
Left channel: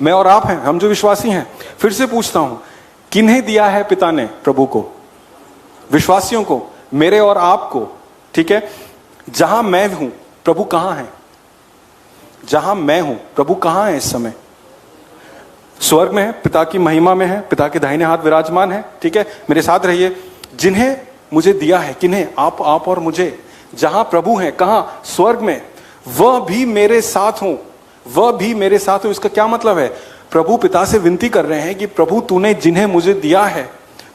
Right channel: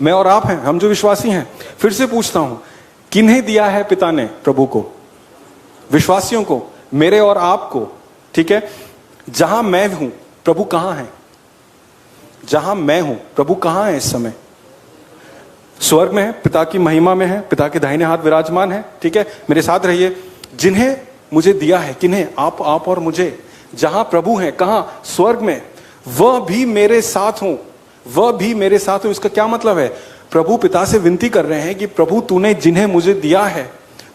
मैं और आप हैं, हम जो विश्वासी हैं। फिर से पूछता हूं, किन्हें दिया है पिता ने प्रभु को? विश्वासियों को, मेरे और आपको, ठीक है। जहां मैं हूं प्रभु कहां है? जहां मैं हूं प्रभु कहां है इस समय? स्वर्ग में है, पिता की महिमा में है, पिता के दाहिने हाथ विराजमान है, ठीक है। मेरे साथ रहिए। जिन्हें मुझे दिया है, किन्हें? आप और मुझे। जहां प्रभु है, कहां? स्वर्ग में। वह भी मेरे साथ हो, वह भी मेरे साथ हो। इसका क्या मतलब है? प्रभु पिता से विनती कर रहे हैं कि प्रभु तूने जिन्हें मुझे दिया है,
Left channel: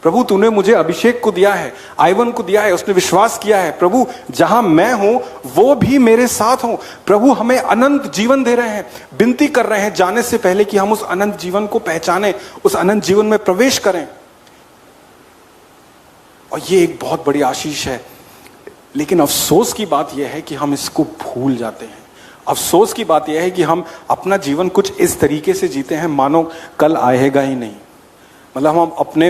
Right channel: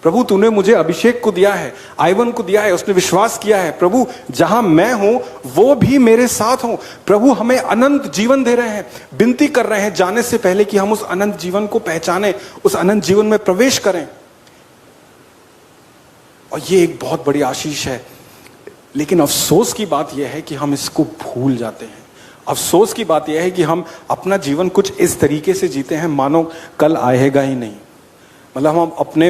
प्रभु तूने मुझे अभिषेक को दिया है, आइवन को दिया है, उसने विश्वास किया है, प्रभु जहां मैं हूं वो भी मेरे साथ हो। प्रभु हमें अनंत जीवन दे रहे हैं, विनती कर रहे हैं जाने से पहले कि हम उस अनंत जीवन को पहचाने, उस अनंत जीवन में प्रवेश करें। और ये एक बहुत बड़ी आशीष है। लेकिन अफसोस की बात यह है कि हम इसको भूल जाते हैं। अफसोस की बात यह है कि हम अपना जीवन कुछ इस तरीके से जीते हैं मानो कल आएगा ही नहीं। मतलब हम अपने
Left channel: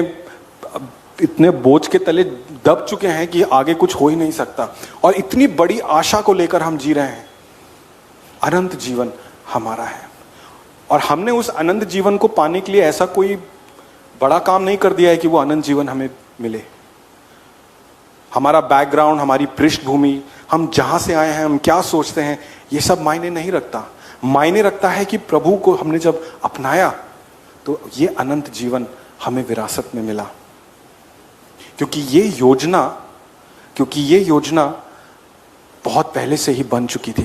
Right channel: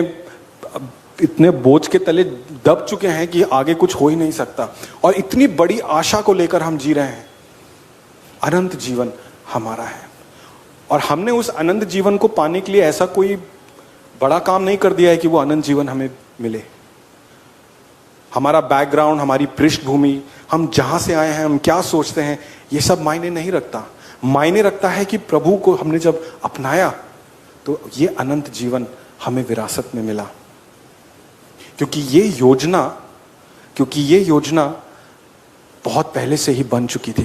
इतने बोझ के तले दब चुके हैं कि आगे कुछ हो ही नहीं सकता, और इतनी बड़ी आशा को लेकर हम जी रहे हैं। अनंत जीवन हमारा है, और हमने उस अनंत जीवन को पाने के लिए ऐसा कोई बड़ा काम नहीं कर दिया है कि वो अनंत जीवन हमें मिले। हमारा बैकग्राउंड, हमारी पृष्ठभूमि, हम जहां से आए हैं, हम क्या सोचते हैं, ये सब मायने नहीं रखता। मायने रखता है कि प्रभु को हमने जब अपनाया तो ये अनंत जीवन हमें विरासत में मिला। क्योंकि ये योजना बहुत पहले से ही बन चुकी थी।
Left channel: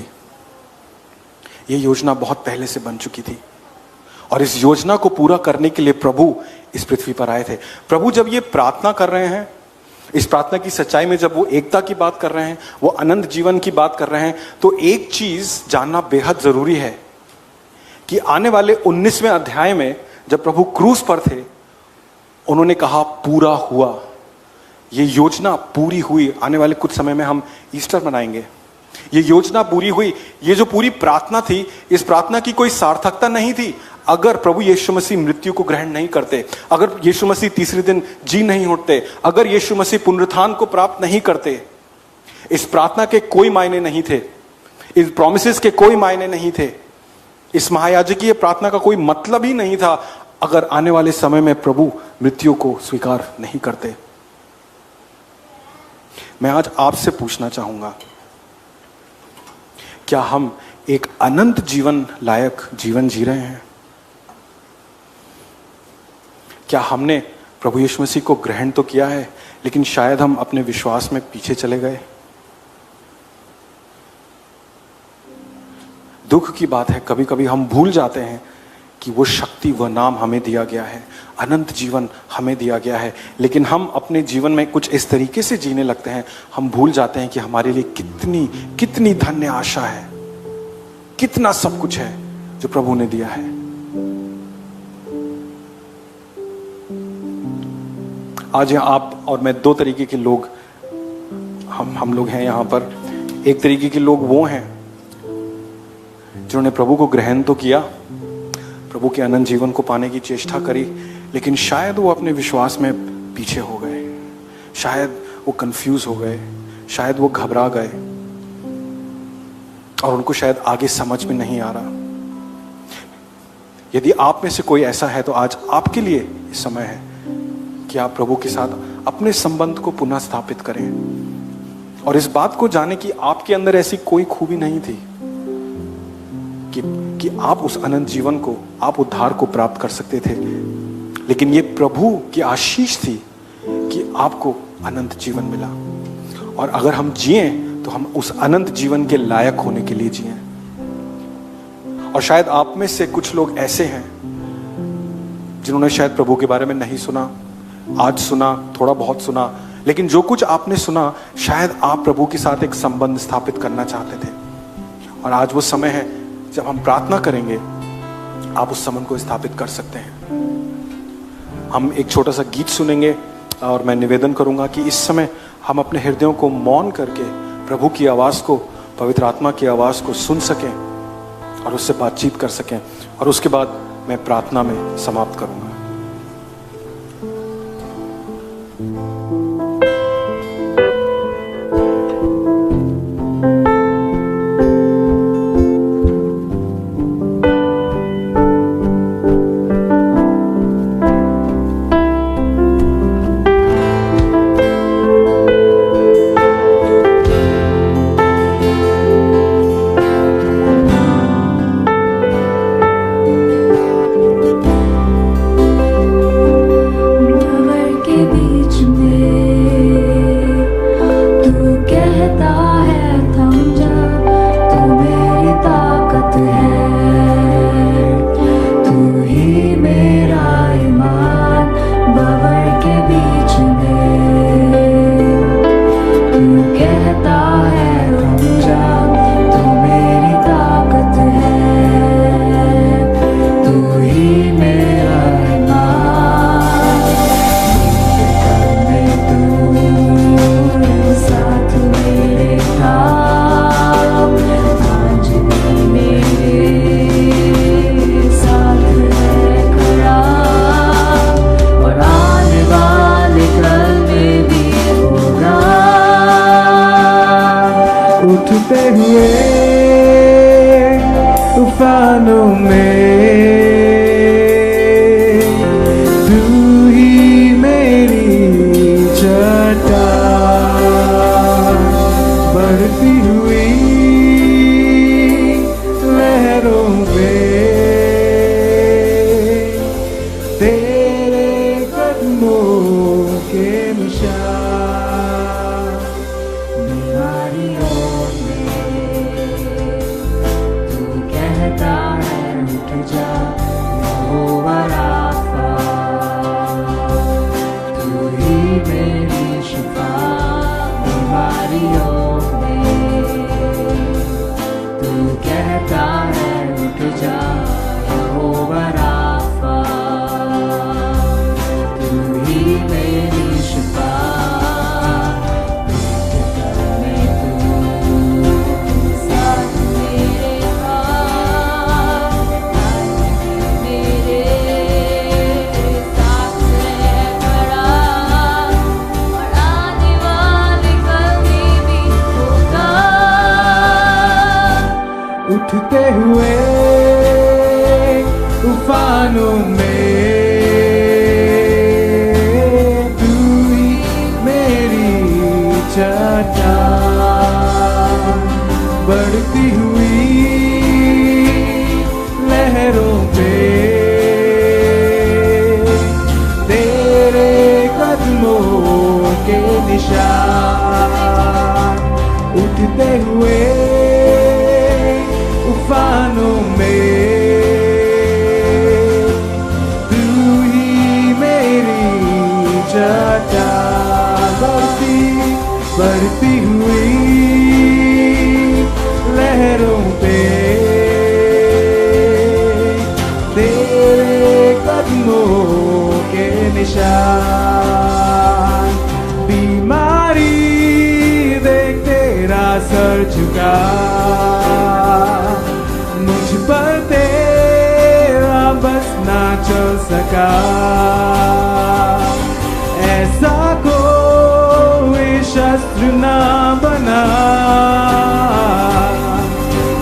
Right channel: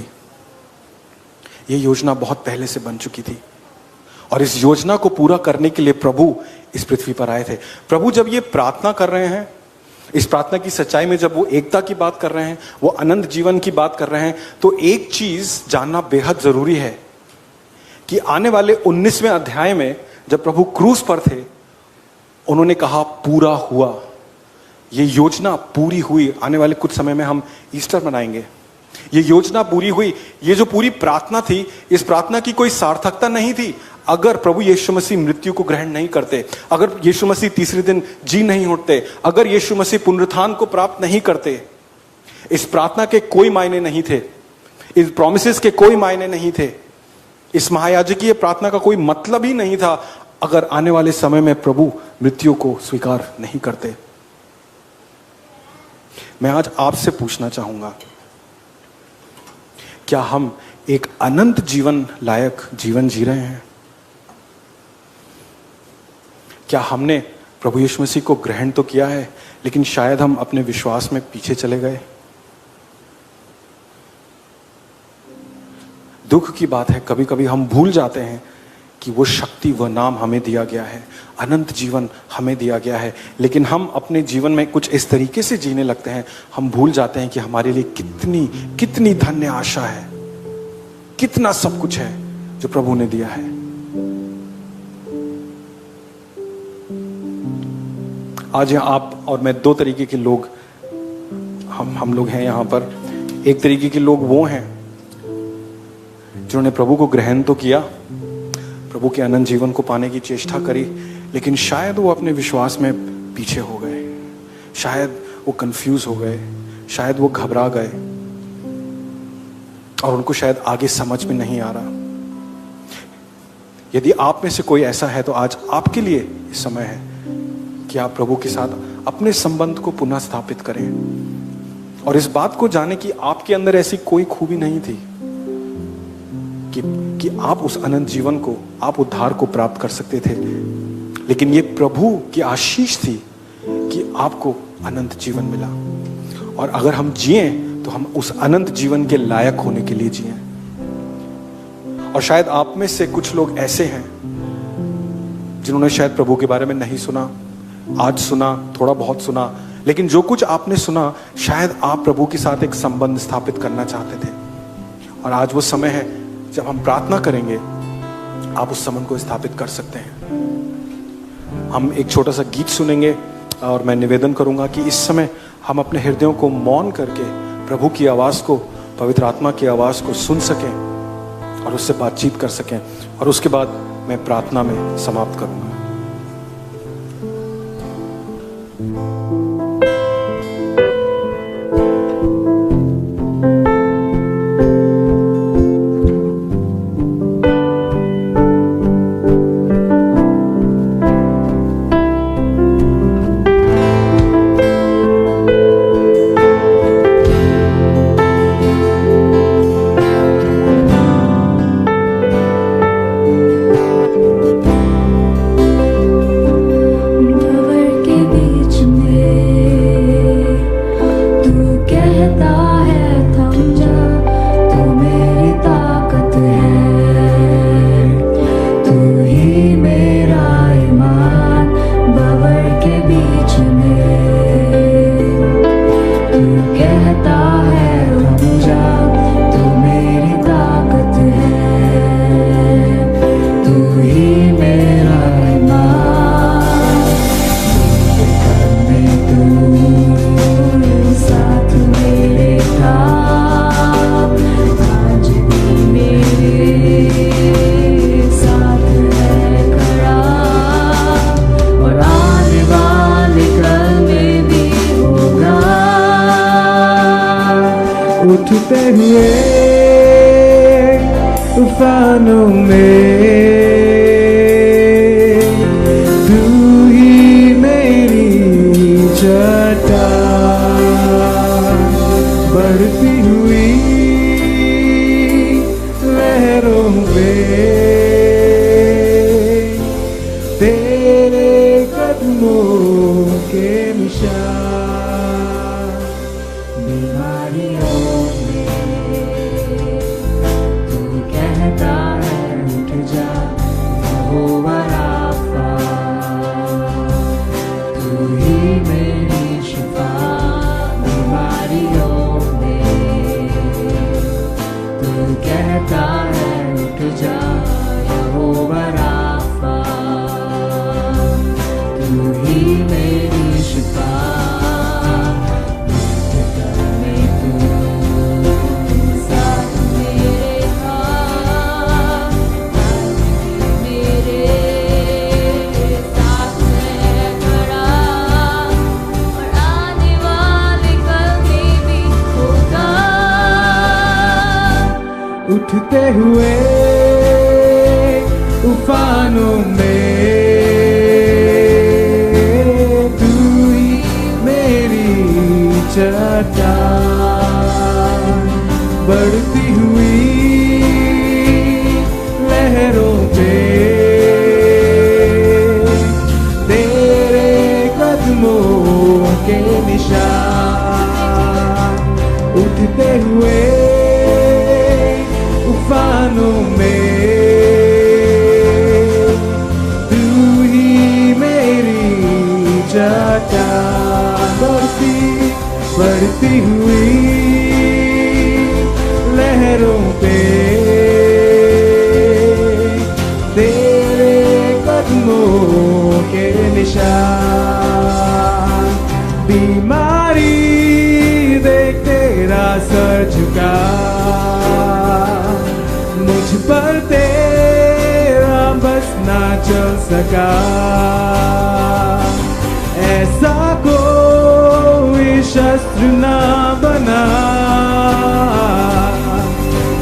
ये योजना बहुत पहले से बन चुकी थी, और इस योजना को पूरा करने के लिए प्रभु इस पृथ्वी पर आए थे। प्रभु जब ये प्रार्थना कर रहे हैं, इस प्रार्थना की सच्चाई में जब वो एकता की बात कर रहे हैं, वो अनंत जीवन की बात कर रहे हैं, तो एक चीज जानना बेहद जरूरी है कि आने वाले 19वें अध्याय में जब प्रभु क्रूस पर थे, उन्होंने कहा पूरा हुआ। ये योजना पूरी हुई। आने वाले कुछ समय में हम ईस्टर मनाएंगे। ये योजना पूरी हुई। ये जो पूरी प्रार्थना थी, इस प्रार्थना की कोई सार्थकता नहीं थी अगर प्रभु यीशु मसीह मृत्यु को ग्रहण नहीं करते, अगर यीशु मसीह तीसरे दिन जी नहीं उठते, अगर यीशु मसीह पुनरुत्थान को प्राप्त नहीं करते। इस प्रार्थना के कोई मायने नहीं थे, इस प्रॉमिसेस के कोई मायने नहीं थे, इस महायाजकीय प्रार्थना का कोई मतलब ही नहीं था अगर आने वाले समय में प्रभु मृत्यु को स्वीकार नहीं करते। मैं आज आपसे पूछना चाहूंगा, क्या हम एक अनंत जीवन लायक जीवन जी रहे हैं? क्या हमने प्रभु यीशु मसीह को ग्रहण तो किया है, लेकिन शायद हम अपने विश्वास में पीछे चले गए? दुख की बात है, कभी कभी हम भूल जाते हैं कि वो शक्ति, वह नाम हमें दिया गया है, अनंत जीवन हमें दिया गया है, लेकिन हम अपने जीवन में कुछ इस तरीके से जीने लगते हैं, हम भूल जाते हैं कि हमारे लिए कितनी कितनी धन्य आशा है, कितना सब कुछ है जो प्रभु ने दिया है। आज आप और मैं दो तरीके के लोग हम लोग हैं यहाँ पर। एक तरीके के लोग वो हैं जिन्होंने प्रभु को ग्रहण तो किया, प्रभु के अनंत जीवन को पाने की चेष्टा करी, लेकिन शायद वो अपने विश्वास में पीछे हो गए, शायद वो कंफ्यूज हो गए, शायद वो घबरा गए और उनको शायद आगे समझ में नहीं आ रहा। यदि आप में से कोई ऐसा है तो आज आपके लिए समय है कि आप प्रभु के साथ अपने संबंध को पुनः स्थापित करें और इस बात को जाने कि आपके अंदर ऐसी कोई खूबी नहीं थी कि आप उस अनंत जीवन को, आप उद्धार को प्राप्त कर सकते थे, लेकिन ये प्रभु की आशीष थी कि आपको अनंत जीवन मिला। और अगर हम जिए तो हम उस अनंत जीवन के लायक होने के लिए जिए। और शायद आप में से कुछ लोग ऐसे हैं जिन्होंने शायद प्रभु के बारे में नहीं सुना, आज सुना, थोड़ा बहुत सुना, लेकिन जो कुछ आपने सुना शायद आप प्रभु के साथ एक संबंध स्थापित करना चाहते थे। और आज वो समय है जब हम प्रार्थना करेंगे, आप उस संबंध को स्थापित कर सकते हैं। हम एक छोटा सा गीत सुनेंगे और मैं निवेदन करूंगा कि इस समय हम अपने हृदयों को मौन करके प्रभु की आवाज को, पवित्र आत्मा की आवाज को सुन सकें और उससे बातचीत कर सकें, और उसके बाद मैं प्रार्थना में समाप्त करूंगा। उठते हुए तूफानों में तू ही मेरी चट्टान, बढ़ती हुई लहरों में तेरे कदमों के निशान, बीमारियों उठते हुए तूफानों में तू ही मेरी चट्टान, बढ़ती हुई लहरों पे तेरे कदमों के निशान, उठते हुए तूफानों में तू ही मेरी चट्टान, बढ़ती हुई लहरों पे तेरे कदमों के निशान, बीमारी देख तेरा सर झुका, मुझ पर तेरा बस ना चल सका, ऐसा कोई शस्त्र ना बना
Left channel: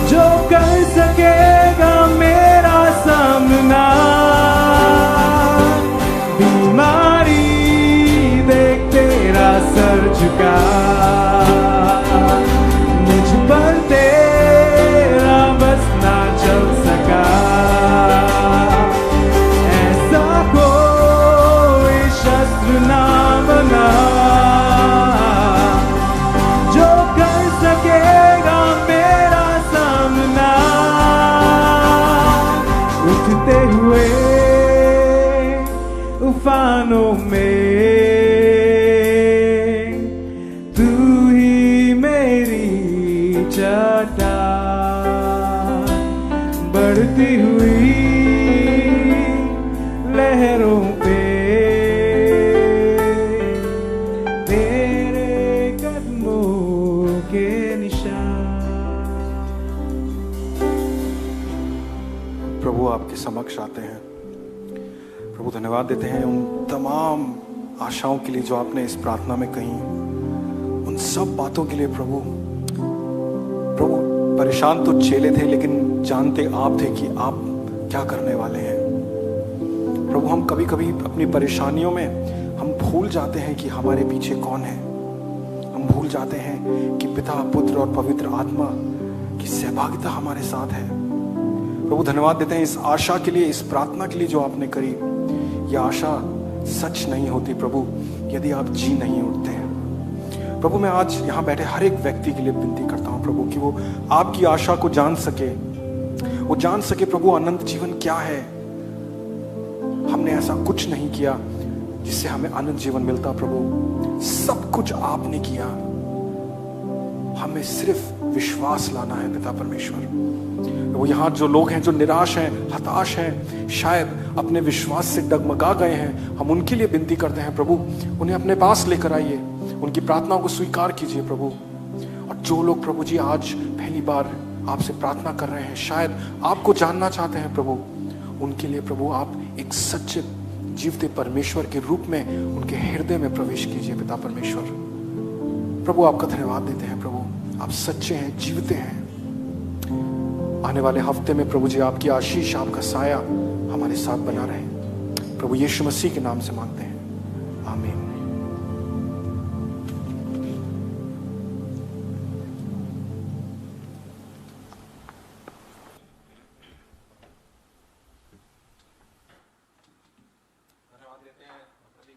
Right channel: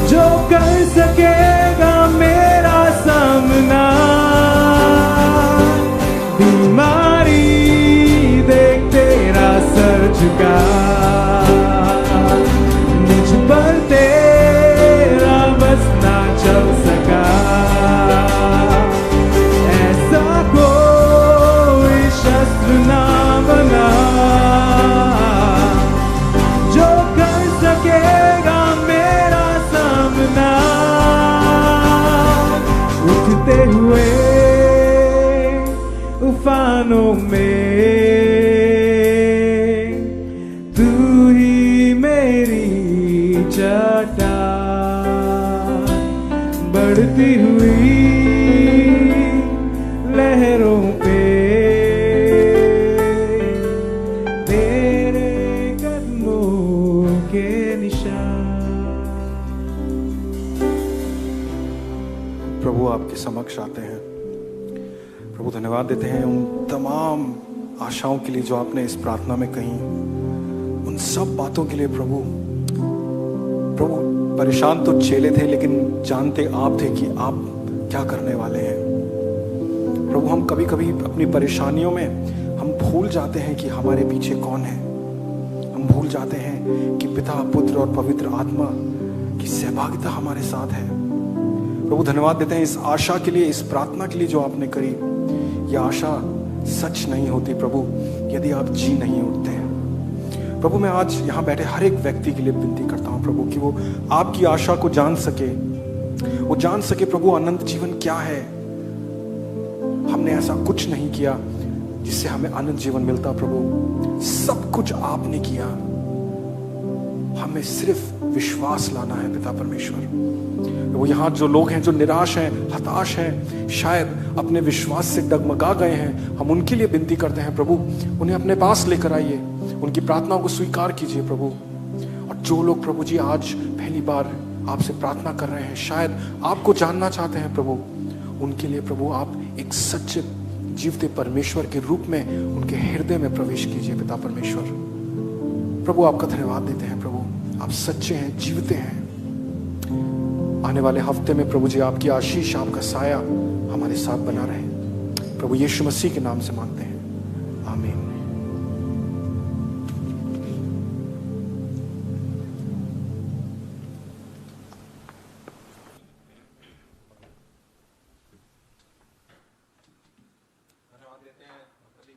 जो कर सकेगा मेरा सामना। बीमारी देख तेरा सर झुका, मुझ पर तेरा बस ना चल सका, ऐसा कोई शस्त्र ना बना जो कर सकेगा मेरा सामना। उठते हुए उफानों में तू ही मेरी चट्टान, बढ़ती हुई लहरों पे तेरे कदमों के निशान। प्रभु आपके समक्ष आते हैं। प्रभु धन्यवाद देते हैं उन तमाम आशाओं के लिए जो आपने इस प्रार्थना में कही, उन सब बातों के लिए प्रभु। प्रभु परेशान तो चेले थे, लेकिन जानते आप थे कि आप क्या करने वाले हैं। प्रभु हम कभी कभी अपनी परेशानियों में हम भूल जाते हैं कि हमारे पीछे कौन है। हम भूल जाते हैं कि पिता, पुत्र और पवित्र आत्मा की सहभागिता हमारे साथ है। प्रभु धन्यवाद देते हैं इस आशा के लिए, इस प्रार्थना के लिए जो आपने करी। यह आशा सच नहीं होती प्रभु यदि आप जी नहीं उठते हैं। प्रभु मैं आज यहाँ बैठे हर एक व्यक्ति के लिए विनती करता हूँ प्रभु कि वो आपकी आशा को जान सके, वो जान सके प्रभु अनंत जीवन क्या है। हमने ऐसा कुछ नहीं किया जिससे हमें अनंत जीवन मिलता प्रभु, सब कुछ आपने किया। हमें सिर्फ विश्वास लाना है पिता परमेश्वर। वो यहाँ जो लोग हैं जो निराश हैं, हताश हैं, शायद अपने विश्वास से डगमगा गए हैं, हम उनके लिए विनती करते हैं प्रभु, उन्हें अपने पास लेकर आइए, उनकी प्रार्थनाओं को स्वीकार कीजिए प्रभु। और जो लोग प्रभु जी आज पहली बार आपसे प्रार्थना कर रहे हैं, शायद आपको जानना चाहते हैं प्रभु, उनके लिए प्रभु आप एक सच्चे जीवते परमेश्वर के रूप में उनके हृदय में प्रवेश कीजिए पिता परमेश्वर। प्रभु आपका धन्यवाद देते हैं प्रभु, आप सच्चे हैं, जीवते हैं। आने वाले हफ्ते में प्रभु जी आपकी आशीष, आपका साया हमारे साथ बना रहे। प्रभु यीशु मसीह के नाम से मांगते हैं, आमीन।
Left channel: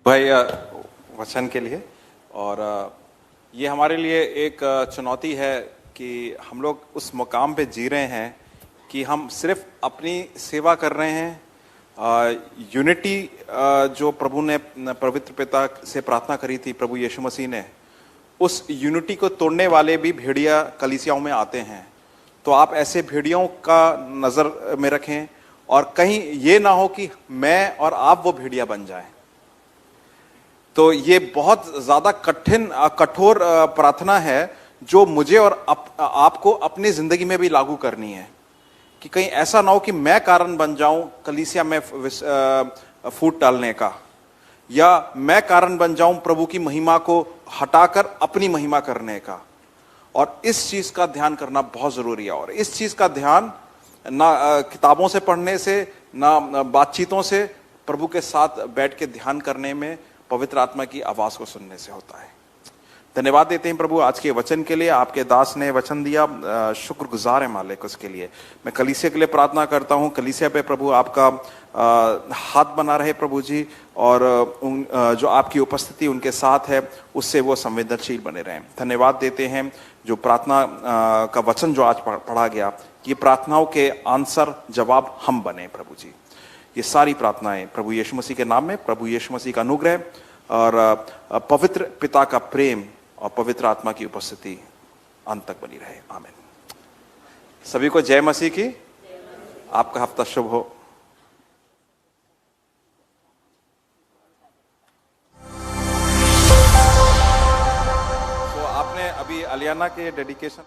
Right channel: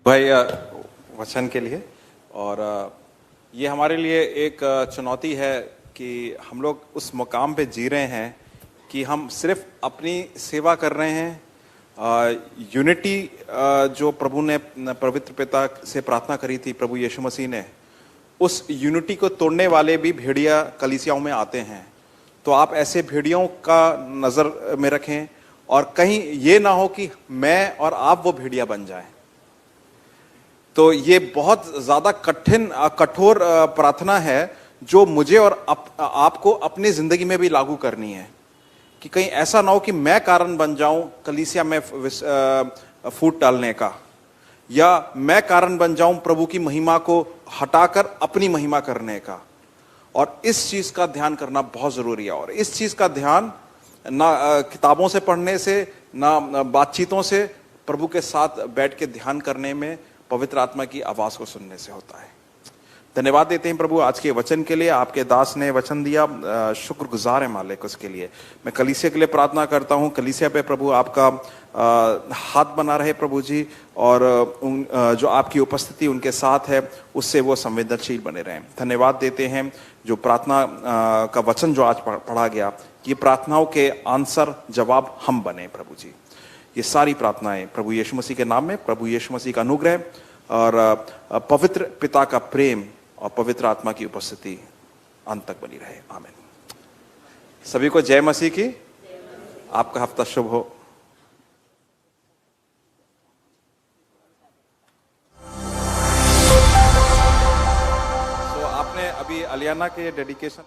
भाई वचन के लिए। और ये हमारे लिए एक चुनौती है कि हम लोग उस मुकाम पे जी रहे हैं कि हम सिर्फ अपनी सेवा कर रहे हैं। यूनिटी जो प्रभु ने पवित्र पिता से प्रार्थना करी थी प्रभु यीशु मसीह ने, उस यूनिटी को तोड़ने वाले भी भेड़िया कलीसियाओं में आते हैं। तो आप ऐसे भेड़ियों का नजर में रखें और कहीं ये ना हो कि मैं और आप वो भेड़िया बन जाएं। तो ये बहुत ज्यादा कठोर प्रार्थना है जो मुझे और आपको अपनी जिंदगी में भी लागू करनी है कि कहीं ऐसा ना हो कि मैं कारण बन जाऊं कलीसिया में फूट डालने का, या मैं कारण बन जाऊं प्रभु की महिमा को हटाकर अपनी महिमा करने का। और इस चीज का ध्यान करना बहुत जरूरी है। और इस चीज का ध्यान ना किताबों से पढ़ने से, ना बातचीतों से, प्रभु के साथ बैठ के ध्यान करने में, पवित्र आत्मा की आवाज को सुनने से होता है। धन्यवाद देते हैं प्रभु आज के वचन के लिए। आपके दास ने वचन दिया, शुक्रगुजार है मालिक उसके लिए। मैं कलीसिया के लिए प्रार्थना करता हूं, कलीसिया पे प्रभु आपका हाथ बना रहे प्रभु जी, और जो आपकी उपस्थिति उनके साथ है उससे वो संवेदनशील बने रहें। धन्यवाद देते हैं जो प्रार्थना का वचन जो आज पढ़ा गया, ये प्रार्थनाओं के आंसर जवाब हम बने प्रभु जी। ये सारी प्रार्थनाएं प्रभु यीशु मसीह के नाम में, प्रभु यीशु मसीह का अनुग्रह और पवित्र पिता का प्रेम और पवित्र आत्मा की उपस्थिति अंत तक बनी रहे। आमीन। सभी को जय मसीह की। आपका हफ्ता शुभ हो। तो आपने अभी अलियाना के डेडिकेशन